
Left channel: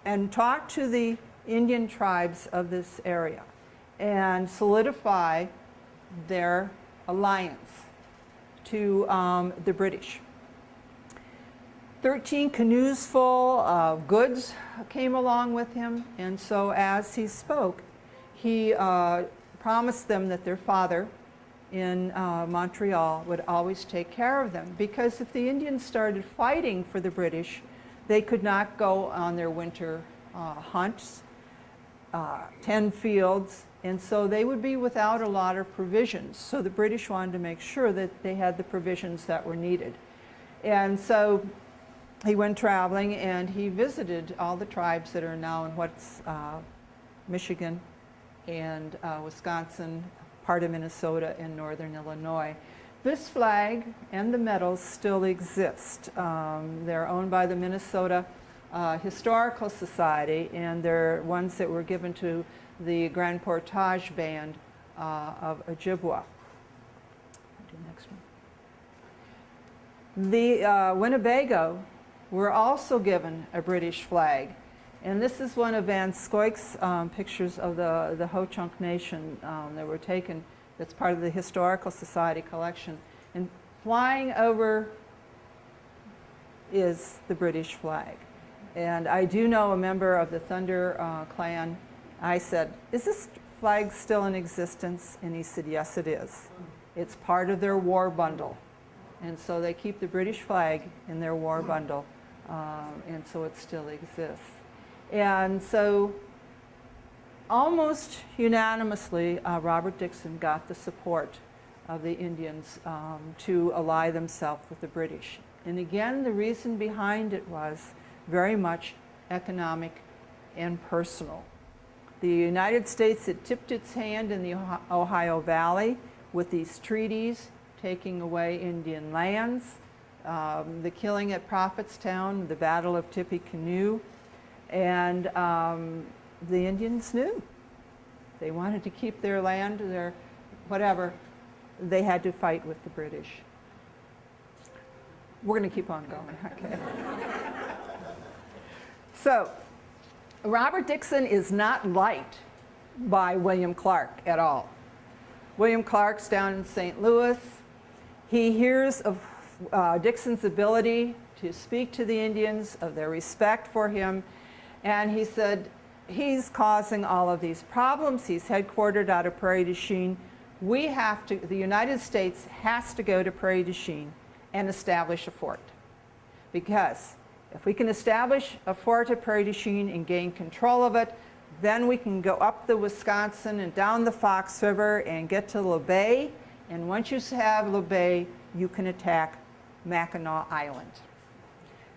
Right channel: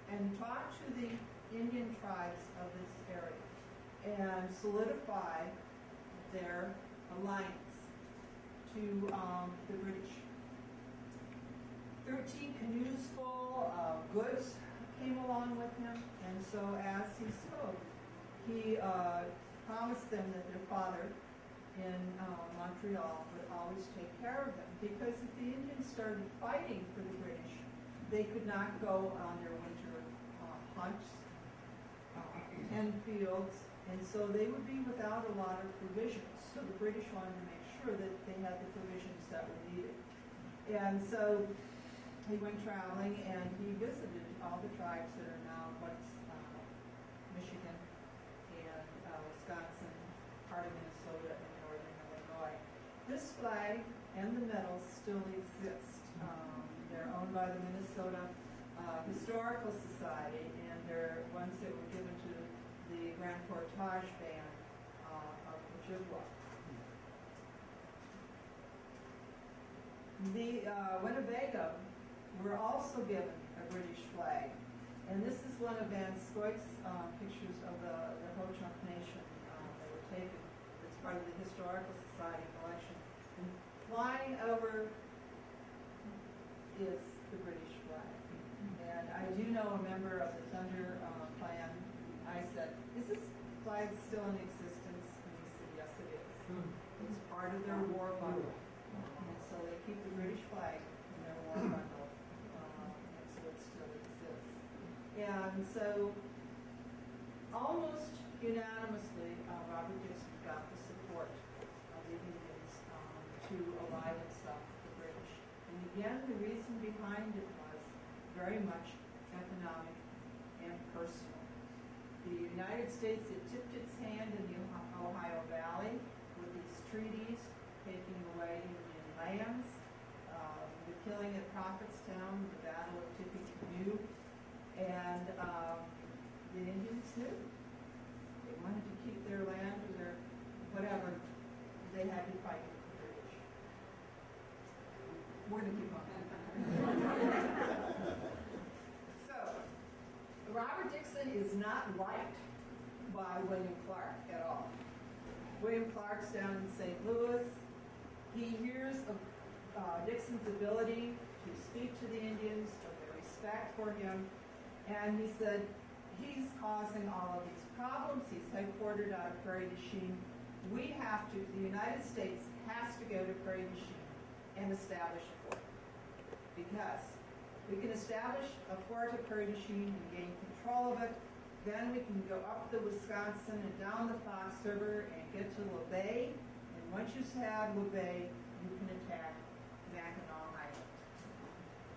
and talk to the Indian tribes of this area and solidify their alliance to the British. 13 canoes full of goods came along with him, and so as he spoke, he promised them that their father in Montreal would always take care of them, because if the Indians started fighting for the British, they could not go on their winter hunts, tend fields, and so they would be without a lot of provisions. So the British wanted to make sure that they had the provisions that were needed. And so he went traveling and he visited all the tribes that are now in what's Michigan and Wisconsin, part of Minnesota, and northern Illinois. This flag and the medals still exist. They're owned by the Minnesota Historical Society, and they're ones that were given to the Grand Portage Band of Ojibwa. The Winnebago were also given a British flag. And this is one of Van Scoyk's pictures of the Ho-Chunk Nation that were taken. That's part of the Historical Society collection. And flying over is the British flag. And I do know a member of the Thunder clan. I said, "Is this flag still in existence?" And he said, "Yes, it is. It's part of their war bundle." And so they keep the British flag in their war bundle, and so it still exists. And so almost unanimously, Robert Dixon got the support of the Indians to ally themselves with the British. And again, the reason behind it was very much economic and personal. The United States had tipped its hand in the Ohio Valley with these treaties taking away Indian lands, the killing at Prophetstown, the Battle of Tippecanoe, and the Indians knew. They wanted to keep their land, their whatever. They had to fight with the British. We're going to keep on going. Okay. So, Robert Dixon is not liked by William Clark at all. William Clark's down in St. Louis. He hears of Dixon's ability to speak to the Indians, of their respect for him, and he said, he's causing all of these problems. He's headquartered out of Prairie du Chien. The United States has to go to Prairie du Chien and establish a fort. Because if we can establish a fort at Prairie du Chien and gain control of it, then we can go up the Wisconsin and down the Fox River and get to Le Bay. And once you have Le Bay, you can attack Mackinac Island.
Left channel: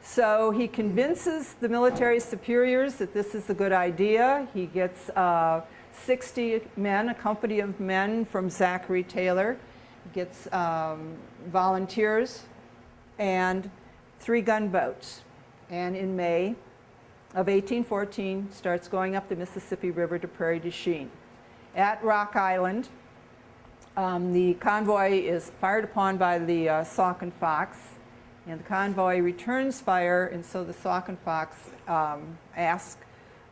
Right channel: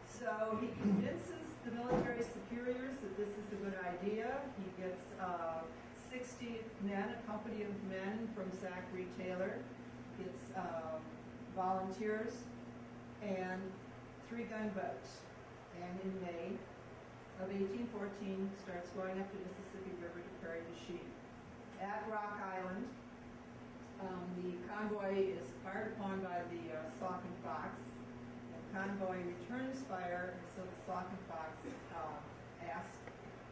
So he convinces the military superiors that this is a good idea. He gets 60 men, a company of men from Zachary Taylor, gets volunteers, and 3 gunboats. And in May of 1814, starts going up the Mississippi River to Prairie du Chien. At Rock Island, the convoy is fired upon by the Sauk and Fox, and the convoy returns fire, and so the Sauk and Fox ask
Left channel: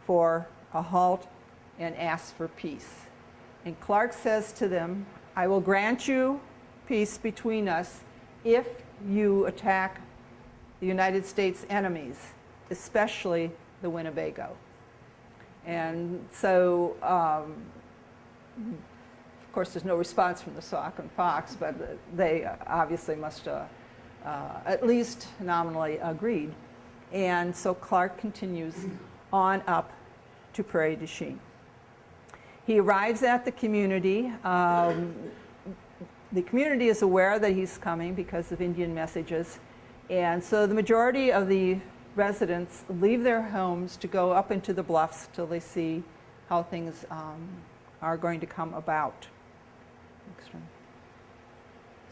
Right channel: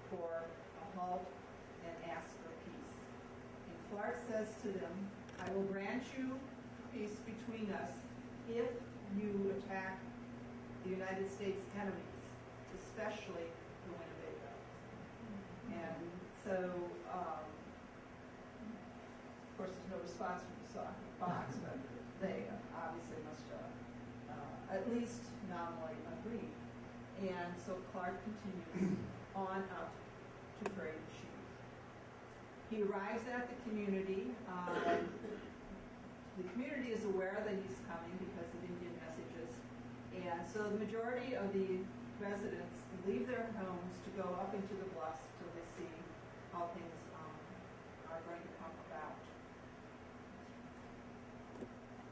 for a halt and ask for peace. And Clark says to them, I will grant you peace between us if you attack the United States enemies, especially the Winnebago. And so, of course, there's no response from the Sauk and Fox, but they obviously must at least nominally agreed. And so Clark continues on up to Prairie du Chien. He arrives at the community. The community is aware that he's coming because of Indian messages. And so the majority of the residents leave their homes to go up into the bluffs till they see how things are going to come about. Next one.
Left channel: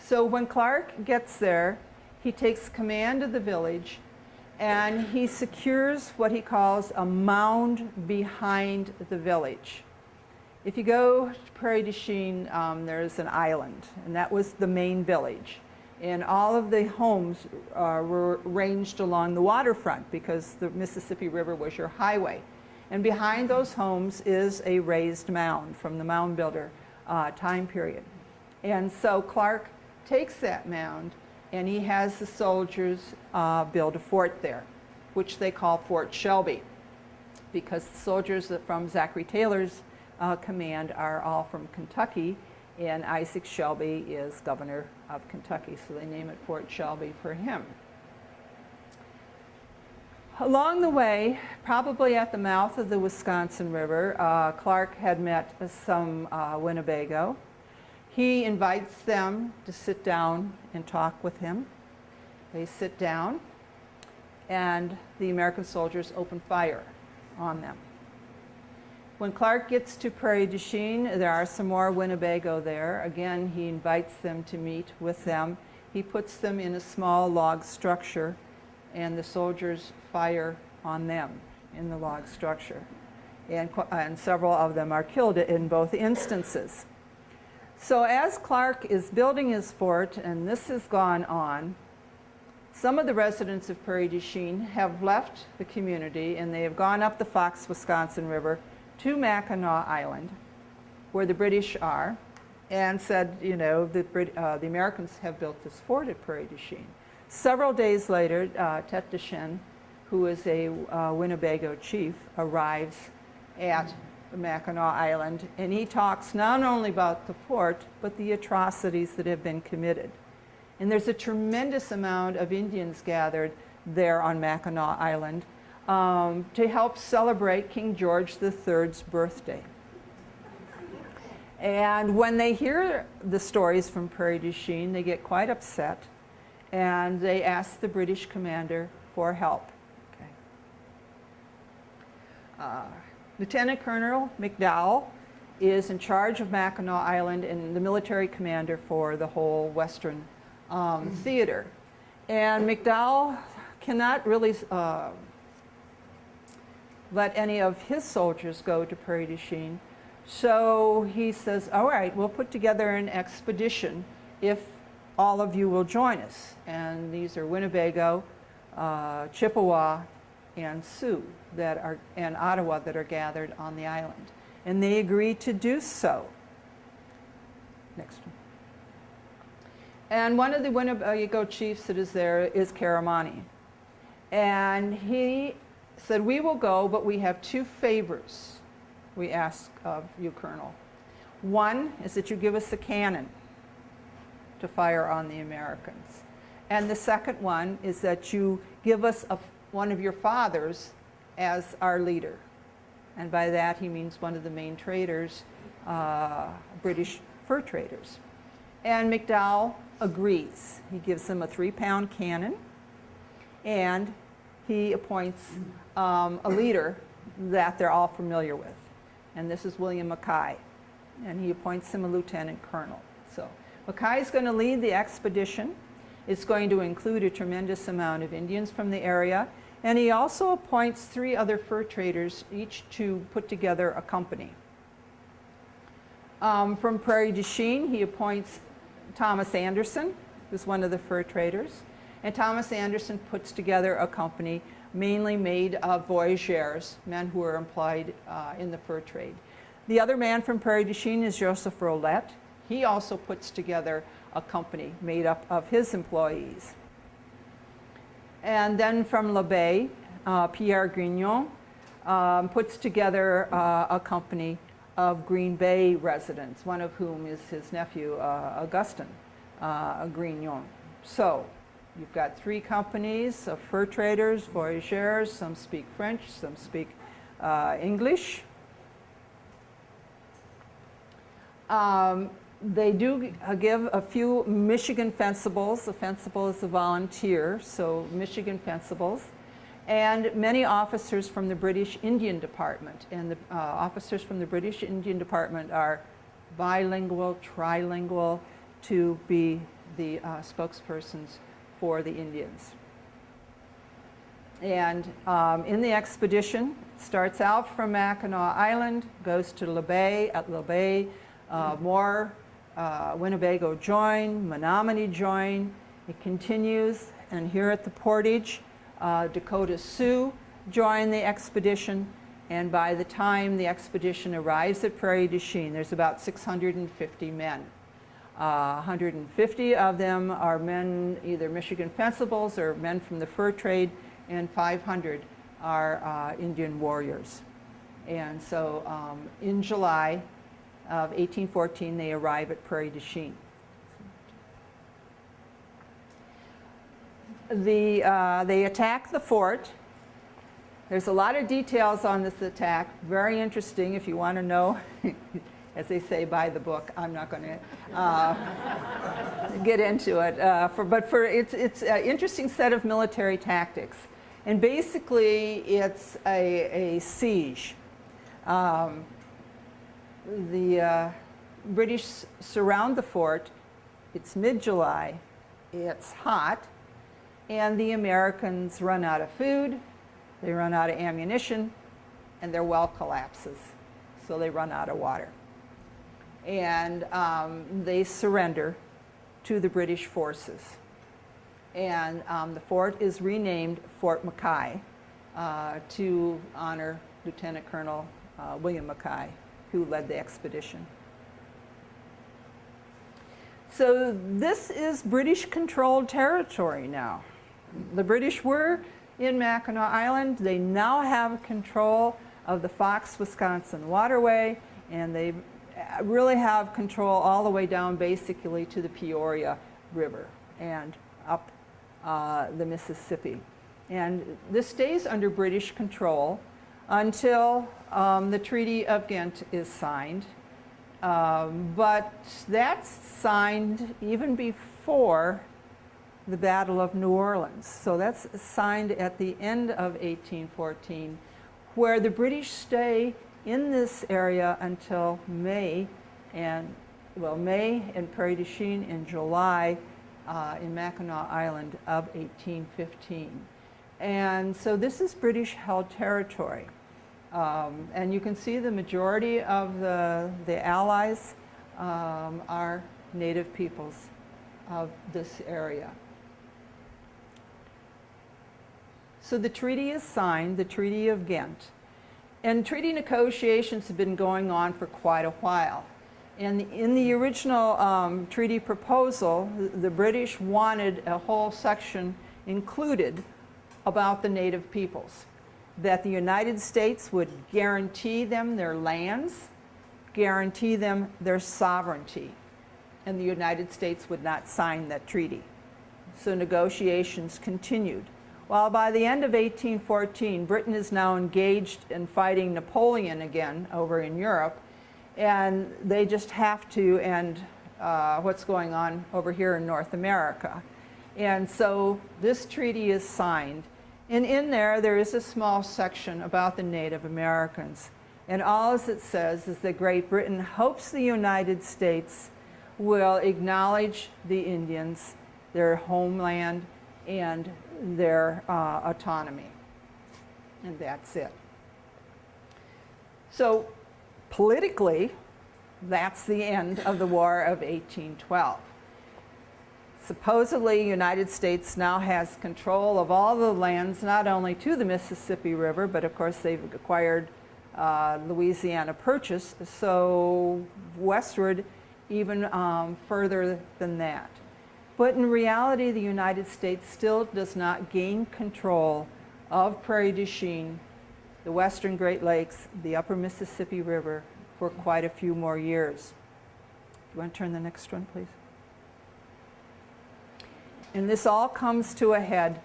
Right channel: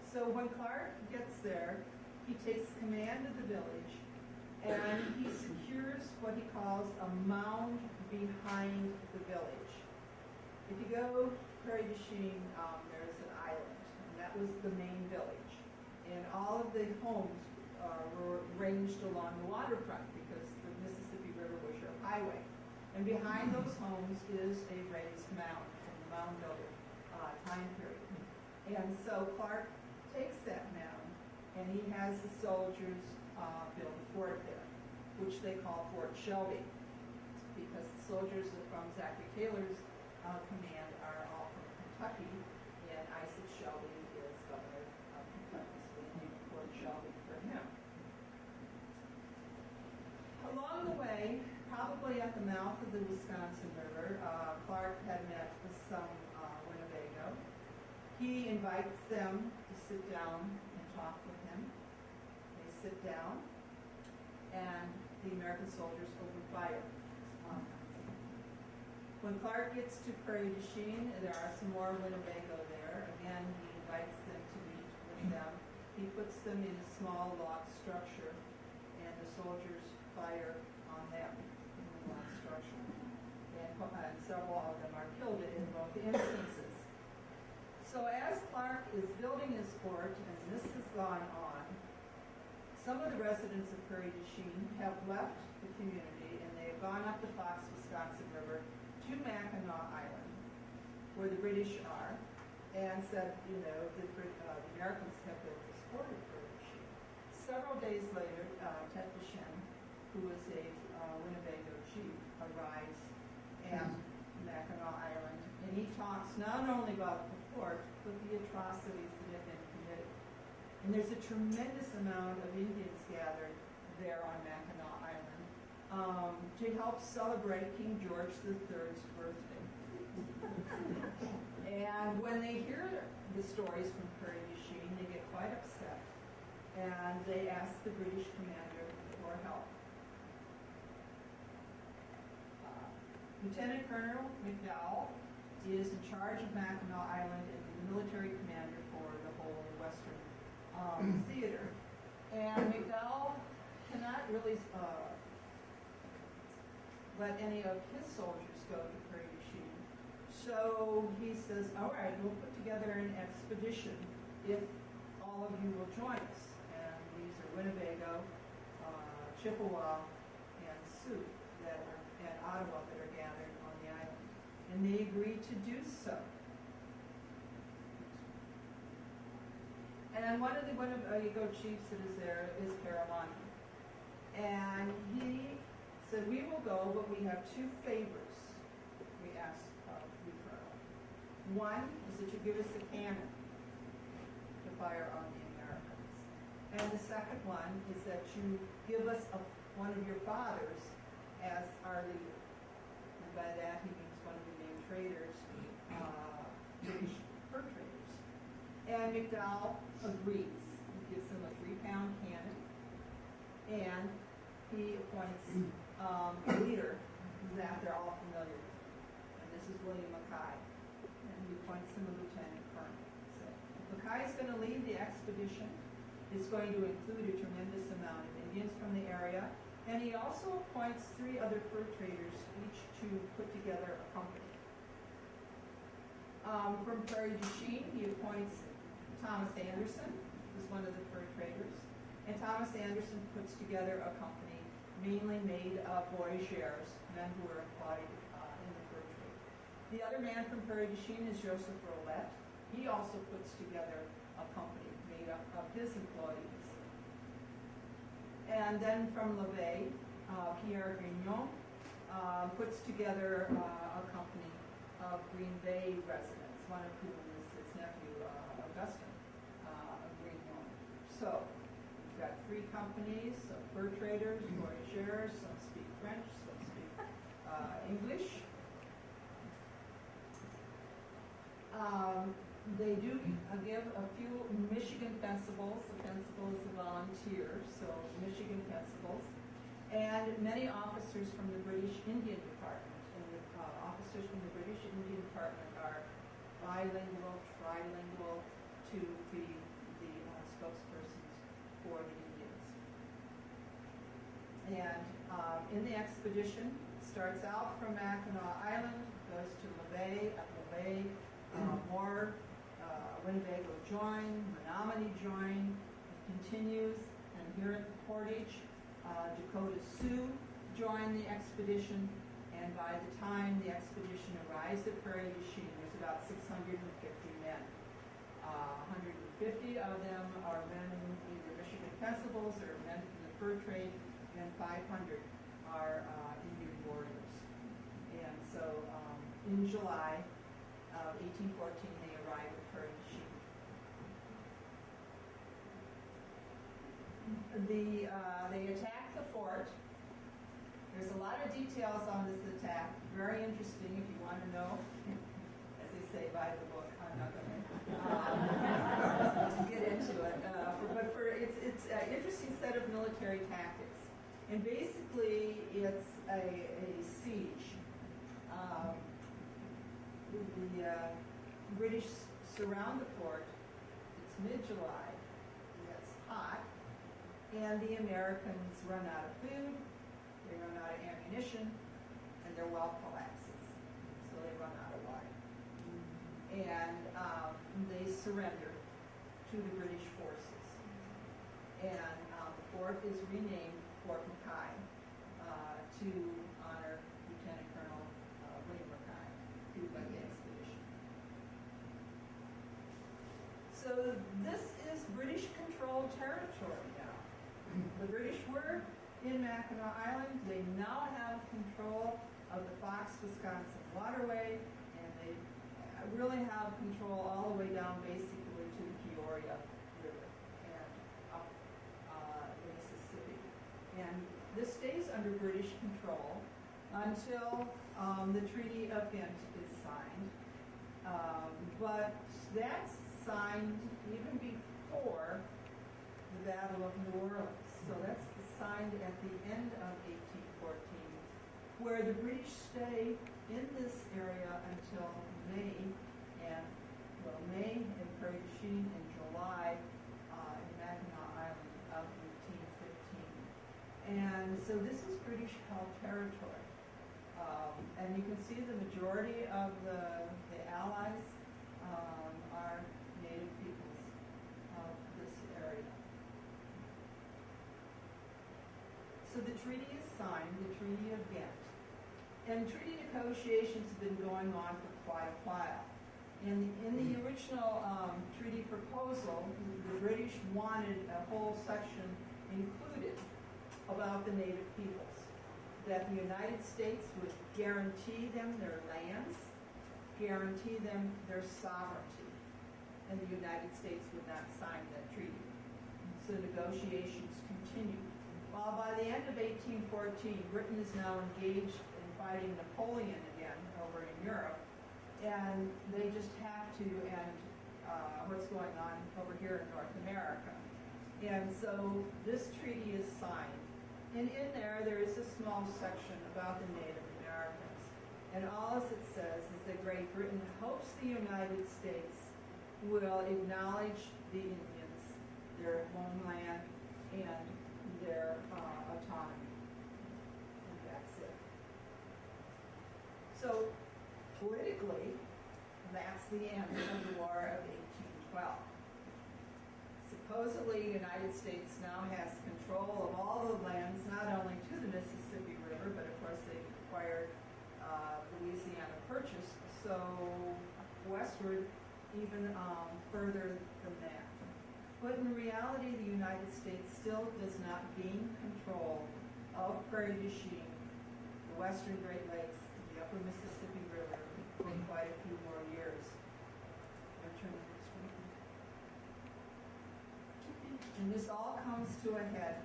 So when Clark gets there, he takes command of the village and he secures what he calls a mound behind the village. If you go to Prairie du Chien, there's an island, and that was the main village. And all of the homes were ranged along the waterfront because the Mississippi River was your highway. And behind those homes is a raised mound from the mound builder time period. And so Clark takes that mound and he has the soldiers build a fort there, which they call Fort Shelby, because the soldiers from Zachary Taylor's command are all from Kentucky, and Isaac Shelby is governor of Kentucky, so they name it Fort Shelby for him. Along the way, probably at the mouth of the Wisconsin River, Clark had met some Winnebago. He invites them to sit down and talk with him. They sit down, and the American soldiers open fire on them. When Clark gets to Prairie du Chien, there are some more Winnebago there. Again, he invites them to meet with them. He puts them in a small log structure, and the soldiers fire on them in the log structure. And several of them are killed in both instances. So as Clark is building his fort, and this has gone on, some of the residents of Prairie du Chien have left the community, and they have gone up the Fox Wisconsin River to Mackinac Island, where the British are, and said, you know, the Americans have built this fort at Prairie du Chien. Several days later, Tete de Chien, who is a Winnebago chief, arrives at Mackinac Island, and he talks not only about the fort, but the atrocities that have been committed. And there's a tremendous amount of Indians gathered there on Mackinac Island to help celebrate King George III's birthday. And when they hear the stories from Prairie du Chien, they get quite upset, and they ask the British commander for help. Okay. Lieutenant Colonel McDowell is in charge of Mackinac Island and the military commander for the whole Western theater. And McDowell cannot really let any of his soldiers go to Prairie du Chien. So he says, all right, we'll put together an expedition if all of you will join us. And these are Winnebago, Chippewa, and Sioux and Ottawa that are gathered on the island. And they agreed to do so. Next one. And one of the Winnebago chiefs that is there is Karamani. And he said, we will go, but we have two favors we ask of you, Colonel. One is that you give us a cannon to fire on the Americans. And the second one is that you give us one of your fathers as our leader. And by that he means one of the main traders, British fur traders. And McDowell agrees. He gives them a 3-pound cannon, and he appoints a leader that they're all familiar with. And this is William Mackay. And he appoints him a lieutenant colonel. So Mackay is going to lead the expedition. It's going to include a tremendous amount of Indians from the area. And he also appoints 3 other fur traders, each to put together a company. From Prairie du Chien, he appoints Thomas Anderson, who's one of the fur traders. And Thomas Anderson puts together a company mainly made of voyageurs, men who are employed in the fur trade. The other man from Prairie du Chien is Joseph Rolette. He also puts together a company made up of his employees. And then from La Baye, Pierre Grignon puts together a company of Green Bay residents, one of whom is his nephew, Augustin Grignon. So you've got 3 companies of fur traders, voyageurs. Some speak French, some speak English. They do give a few Michigan fencibles. A fencible is a volunteer, so Michigan fencibles. And many officers from the British Indian Department. And the officers from the British Indian Department are bilingual, trilingual, to be the spokespersons for the Indians. And in the expedition, starts out from Mackinac Island, goes to La Baye. At La Baye, more Winnebago join, Menominee join. It continues, and here at the Portage, Dakota Sioux join the expedition. And by the time the expedition arrives at Prairie du Chien, there's about 650 men. 150 of them are men, either Michigan fencibles or men from the fur trade, and 500 are Indian warriors. And so in July of 1814, they arrive at Prairie du Chien. They attack the fort. There's a lot of details on this attack, very interesting if you want to know. As they say, buy the book. I'm not going to get into it. But it's an interesting set of military tactics. And basically, it's a siege. The British surround the fort. It's mid-July. It's hot. And the Americans run out of food. They run out of ammunition. And their well collapses. So they run out of water. And they surrender to the British forces. And the fort is renamed Fort Mackay to honor Lieutenant Colonel William Mackay, who led the expedition. So this is British-controlled territory now. The British were in Mackinac Island. They now have control of the Fox, Wisconsin waterway, and they really have control all the way down basically to the Peoria River and up the Mississippi. And this stays under British control until the Treaty of Ghent is signed But that's signed even before the Battle of New Orleans. So that's signed at the end of 1814, where the British stay in this area until May and Prairie du Chien in July in Mackinac Island of 1815. And so this is British held territory. And you can see the majority of the allies are native peoples of this area. So the treaty is signed, the Treaty of Ghent. And treaty negotiations have been going on for quite a while. And in the original treaty proposal, the British wanted a whole section included about the native peoples, that the United States would guarantee them their lands, guarantee them their sovereignty, and the United States would not sign that treaty. So negotiations continued. Well, by the end of 1814, Britain is now engaged in fighting Napoleon again over in Europe, and they just have to end what's going on over here in North America. And so this treaty is signed. And in there is a small section about the Native Americans. And all it says is that Great Britain hopes the United States will acknowledge the Indians, their homeland, and their autonomy. And that's it. So politically, that's the end of the War of 1812. Supposedly, the United States now has control of all the lands, not only to the Mississippi River, but of course they've acquired Louisiana Purchase, so westward even further than that. But in reality, the United States still does not gain control of Prairie du Chien, the western Great Lakes, the upper Mississippi River for quite a few more years. You want to turn the next one, please? And this all comes to a head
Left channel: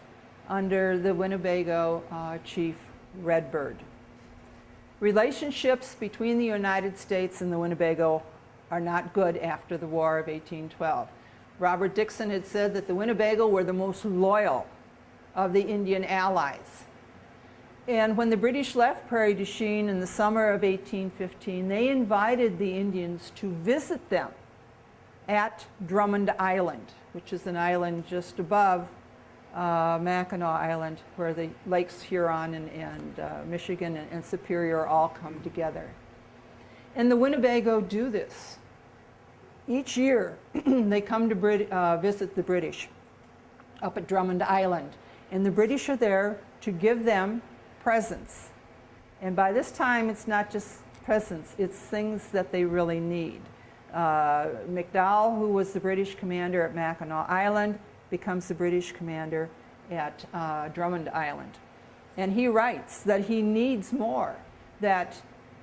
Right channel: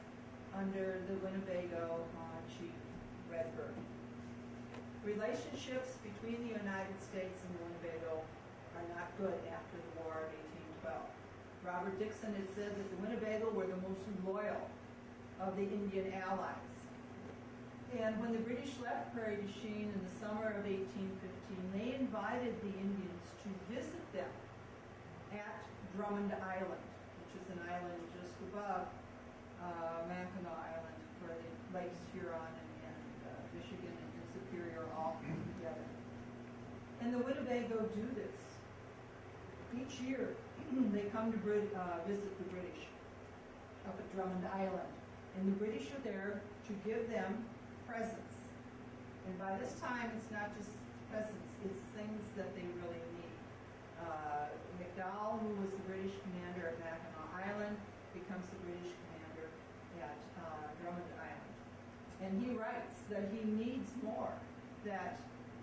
under the Winnebago chief, Redbird. Relationships between the United States and the Winnebago are not good after the War of 1812. Robert Dixon had said that the Winnebago were the most loyal of the Indian allies. And when the British left Prairie du Chien in the summer of 1815, they invited the Indians to visit them at Drummond Island, which is an island just above Mackinac Island, where the Lakes Huron and Michigan and Superior all come together. And the Winnebago do this. Each year, they come to visit the British up at Drummond Island. And the British are there to give them presents. And by this time, it's not just presents, it's things that they really need. McDowell, who was the British commander at Mackinac Island, becomes the British commander at Drummond Island. And he writes that he needs more,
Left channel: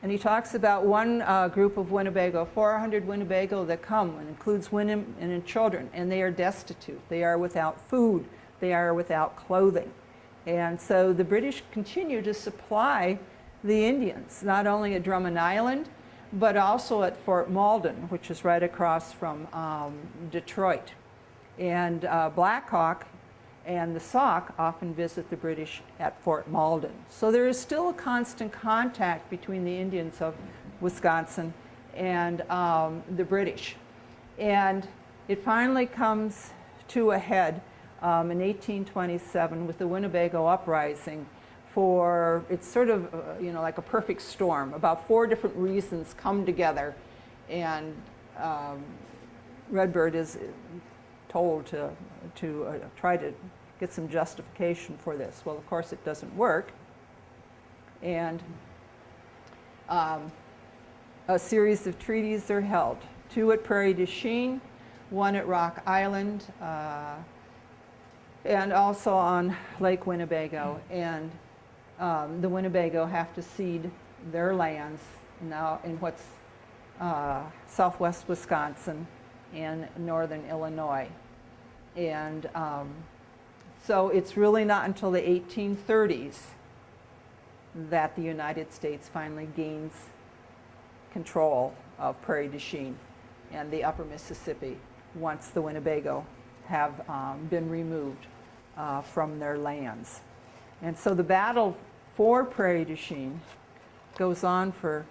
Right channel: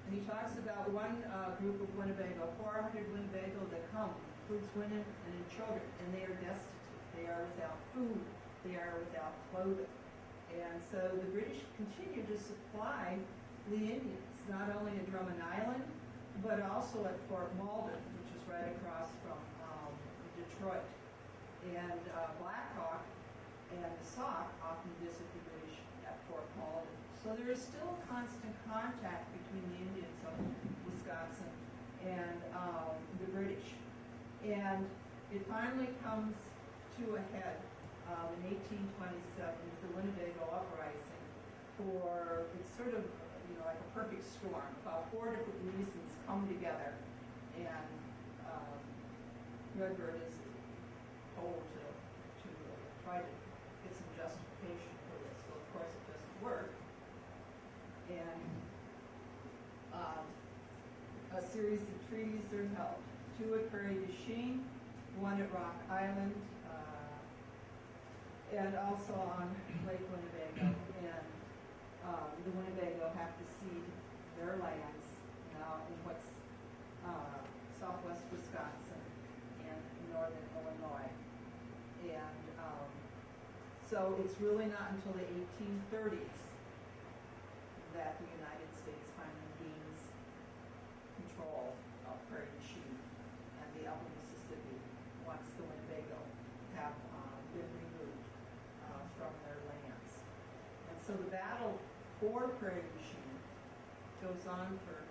and he talks about one group of Winnebago, 400 Winnebago that come, and includes women and children, and they are destitute. They are without food. They are without clothing. And so the British continue to supply the Indians, not only at Drummond Island, but also at Fort Malden, which is right across from Detroit. And Black Hawk and the Sauk often visit the British at Fort Malden. So there is still a constant contact between the Indians of Wisconsin and the British. And it finally comes to a head in 1827 with the Winnebago Uprising. It's sort of like a perfect storm. About 4 different reasons come together, and Redbird is told to try to get some justification for this. Well, of course, it doesn't work. And a series of treaties are held. 2 at Prairie du Chien, 1 at Rock Island, and also on Lake Winnebago. And the Winnebago have to cede their lands now in what's southwest Wisconsin and northern Illinois. And so it's really not until the 1830s that the United States finally gains control of Prairie du Chien and the upper Mississippi once the Winnebago have been removed from their lands. And so the battle for Prairie du Chien goes on for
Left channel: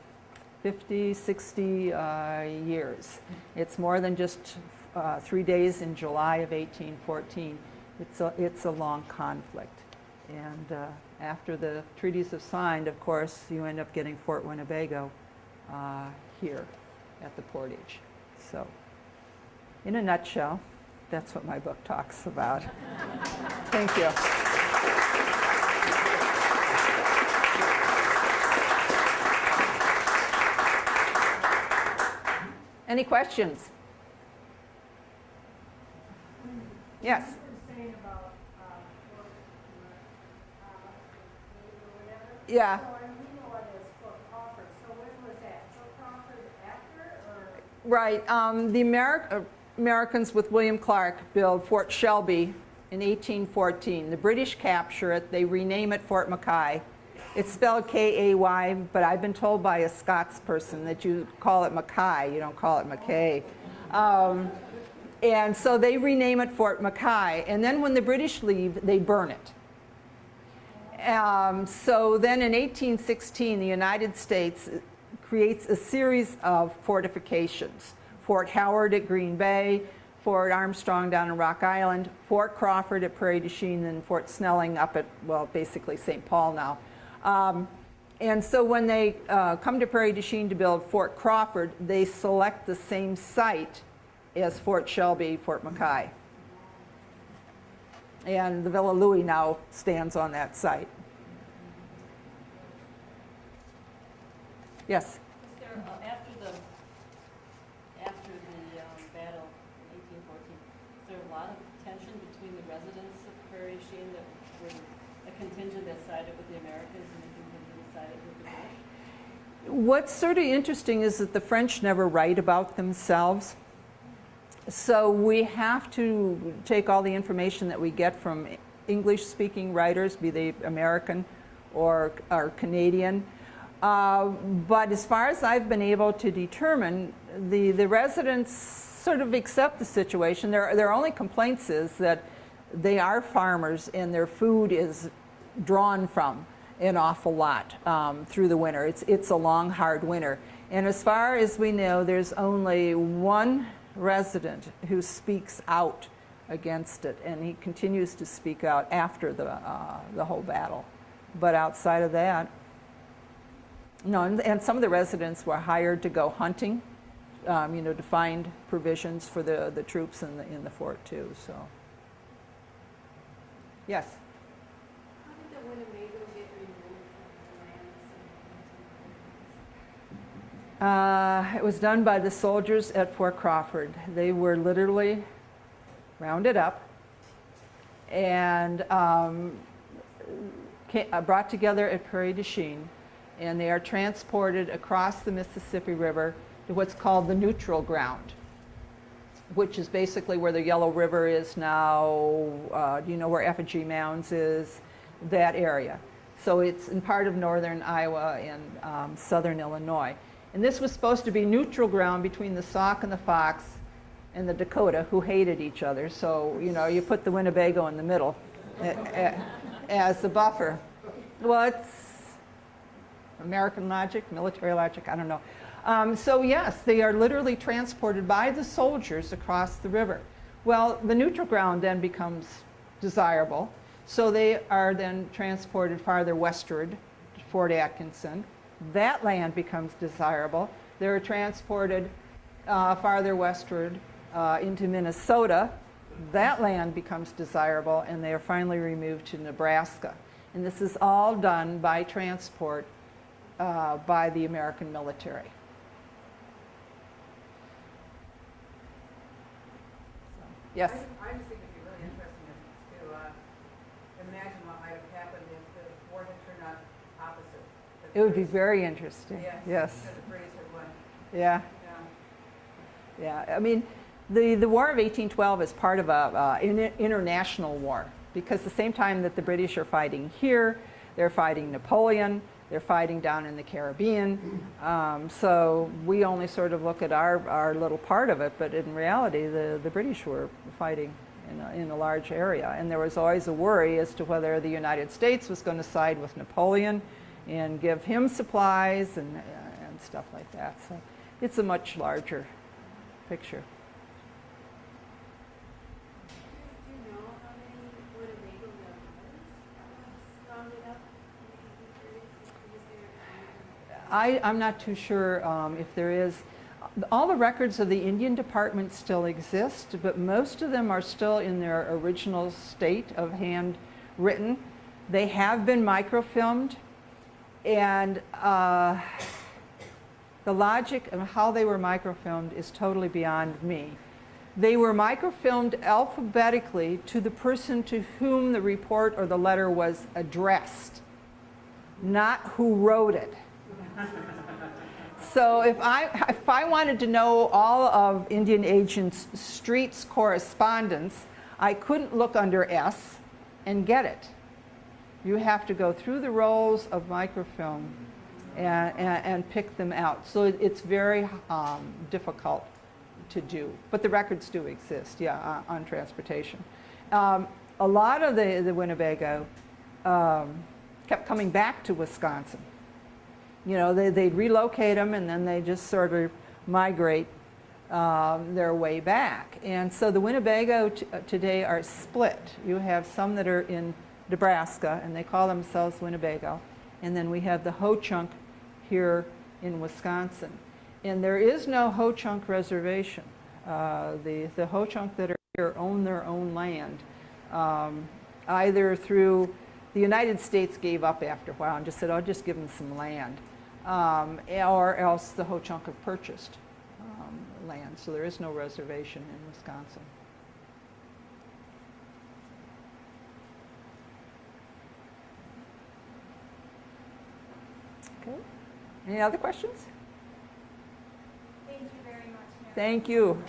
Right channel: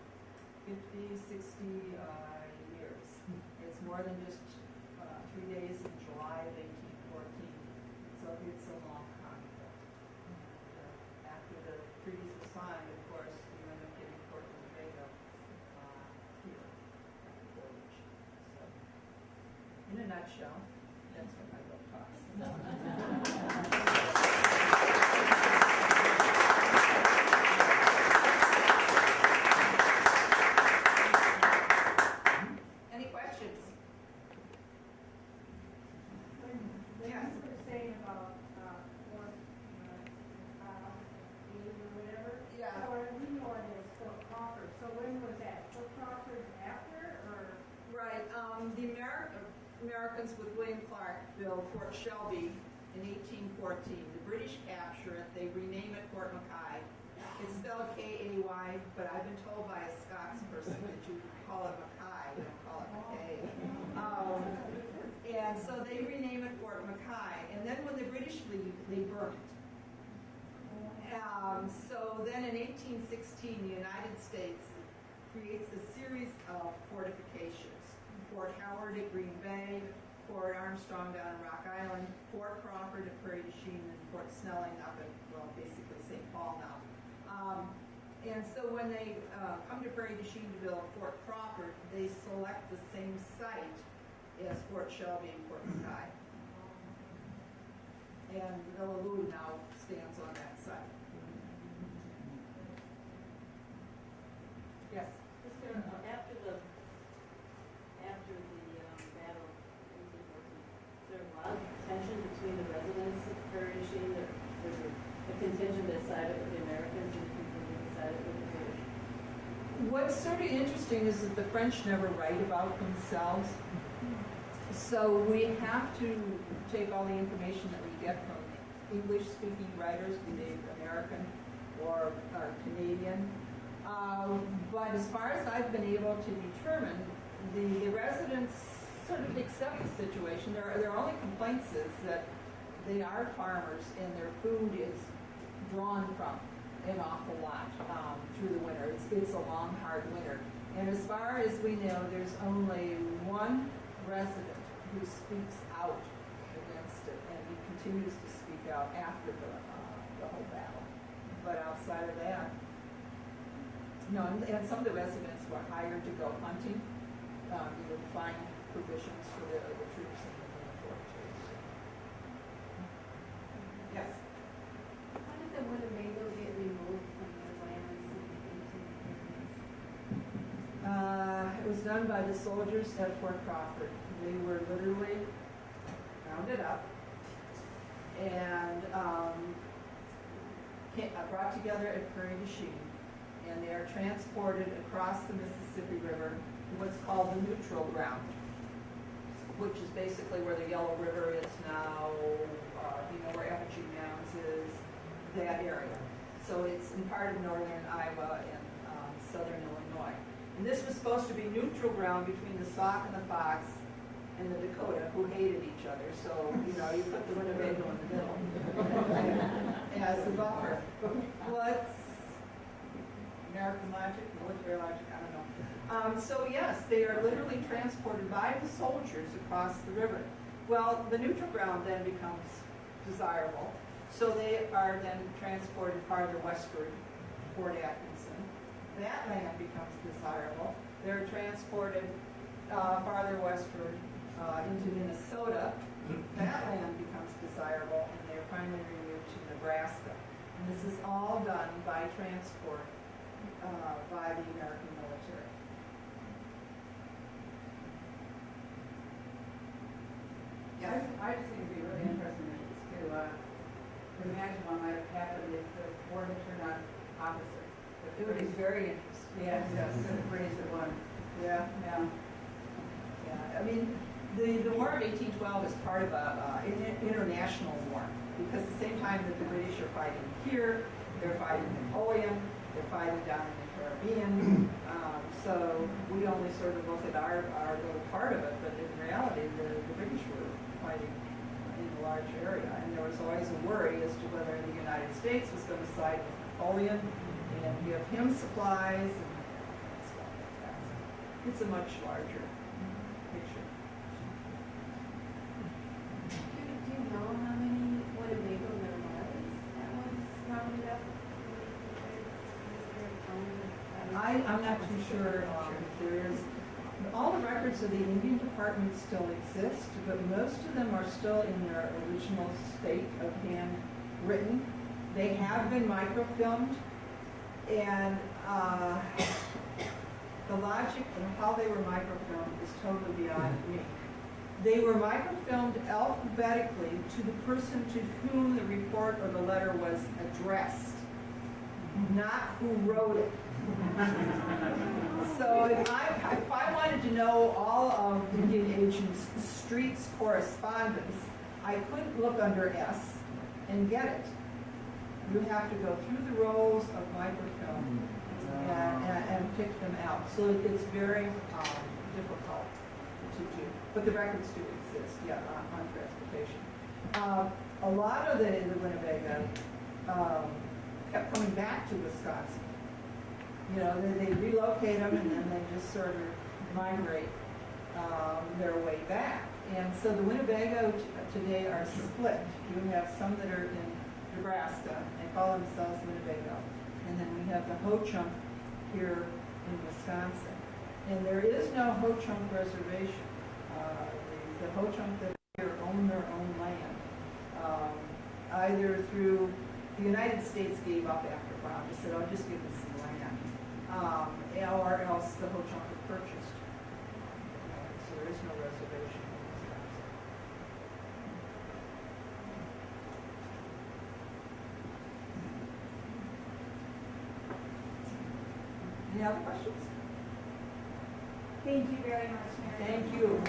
50, 60 years. It's more than just 3 days in July of 1814. It's a long conflict. And after the treaties are signed, of course, you end up getting Fort Winnebago here at the Portage. So, in a nutshell, that's what my book talks about. Thank you. Any questions? Yes. You were saying about Fort Meade or whatever. Yeah. So we know it as Fort Crawford. So when was that? Fort Crawford after or? Right. The Americans with William Clark build Fort Shelby in 1814. The British capture it. They rename it Fort Mackay. It's spelled K-A-Y, but I've been told by a Scots person that you call it Mackay, you don't call it Mackay. And so they rename it Fort Mackay, and then when the British leave, they burn it. So then in 1816, the United States creates a series of fortifications. Fort Howard at Green Bay, Fort Armstrong down in Rock Island, Fort Crawford at Prairie du Chien, and Fort Snelling up at, well, basically St. Paul now. And so when they come to Prairie du Chien to build Fort Crawford, they select the same site as Fort Shelby, Fort Mackay. And the Villa Louis now stands on that site. Yes? Is there, after the battle, 1814, is there a lot of tension between the residents of Prairie du Chien? There's a contingent that sided with the Americans and a contingent that sided with the British? What's sort of interesting is that the French never write about themselves. So we have to take all the information that we get from English-speaking writers, be they American or Canadian. But as far as I've been able to determine, the residents sort of accept the situation. Their only complaints is that they are farmers and their food is drawn from an awful lot through the winter. It's a long, hard winter. And as far as we know, there's only one resident who speaks out against it, and he continues to speak out after the whole battle. But outside of that, no, and some of the residents were hired to go hunting, to find provisions for the troops in the fort too. So, yes. How did the Winnebago get removed from the land? It was done by the soldiers at Fort Crawford. They were literally rounded up and brought together at Prairie du Chien, and they are transported across the Mississippi River to what's called the neutral ground, which is basically where the Yellow River is now. Do you know where Effigy Mounds is? That area. So it's in part of northern Iowa and southern Illinois. And this was supposed to be neutral ground between the Sauk and the Fox and the Dakota, who hated each other. So, you put the Winnebago in the middle as the buffer. Well, it's American logic, military logic, I don't know. So yes, they are literally transported by the soldiers across the river. Well, the neutral ground then becomes desirable. So they are then transported farther westward to Fort Atkinson. That land becomes desirable. They're transported farther westward into Minnesota. That land becomes desirable, and they are finally removed to Nebraska. And this is all done by transport by the American military. Yes? I just think it'd be really interesting to imagine what might have happened if the war had turned out opposite. It would be very interesting. Yes. The British had won. Yeah. Yeah. I mean, the War of 1812 is part of an international war, because the same time that the British are fighting here, They're fighting Napoleon. They're fighting down in the Caribbean. So we only sort of look at our little part of it, but in reality, the British were fighting in a large area. And there was always a worry as to whether the United States was going to side with Napoleon and give him supplies and stuff like that. So it's a much larger picture. Do you know how many Winnebago there was that was rounded up? Is there a kind of, I'm not too sure if there is. All the records of the Indian Department still exist, but most of them are still in their original state of handwritten. They have been microfilmed, and the logic of how they were microfilmed is totally beyond me. They were microfilmed alphabetically to the person to whom the report or the letter was addressed, not who wrote it. So if I wanted to know all of Indian Agent Street's correspondence, I couldn't look under S and get it. You have to go through the rolls of microfilm and pick them out. So it's very difficult to do. But the records do exist, yeah, on transportation. A lot of the Winnebago kept coming back to Wisconsin. You know, they'd relocate them and then they just sort of migrate their way back. And so the Winnebago today are split. You have some that are in Nebraska and they call themselves Winnebago. And then we have the Ho-Chunk here in Wisconsin. And there is no Ho-Chunk reservation. The Ho-Chunk that are here own their own land, either through the United States gave up after a while and just said, "I'll just give them some land," or else the Ho-Chunk have purchased land. So there is no reservation in Wisconsin. Okay. Any other questions? Thank you very much, Mary. Thank you.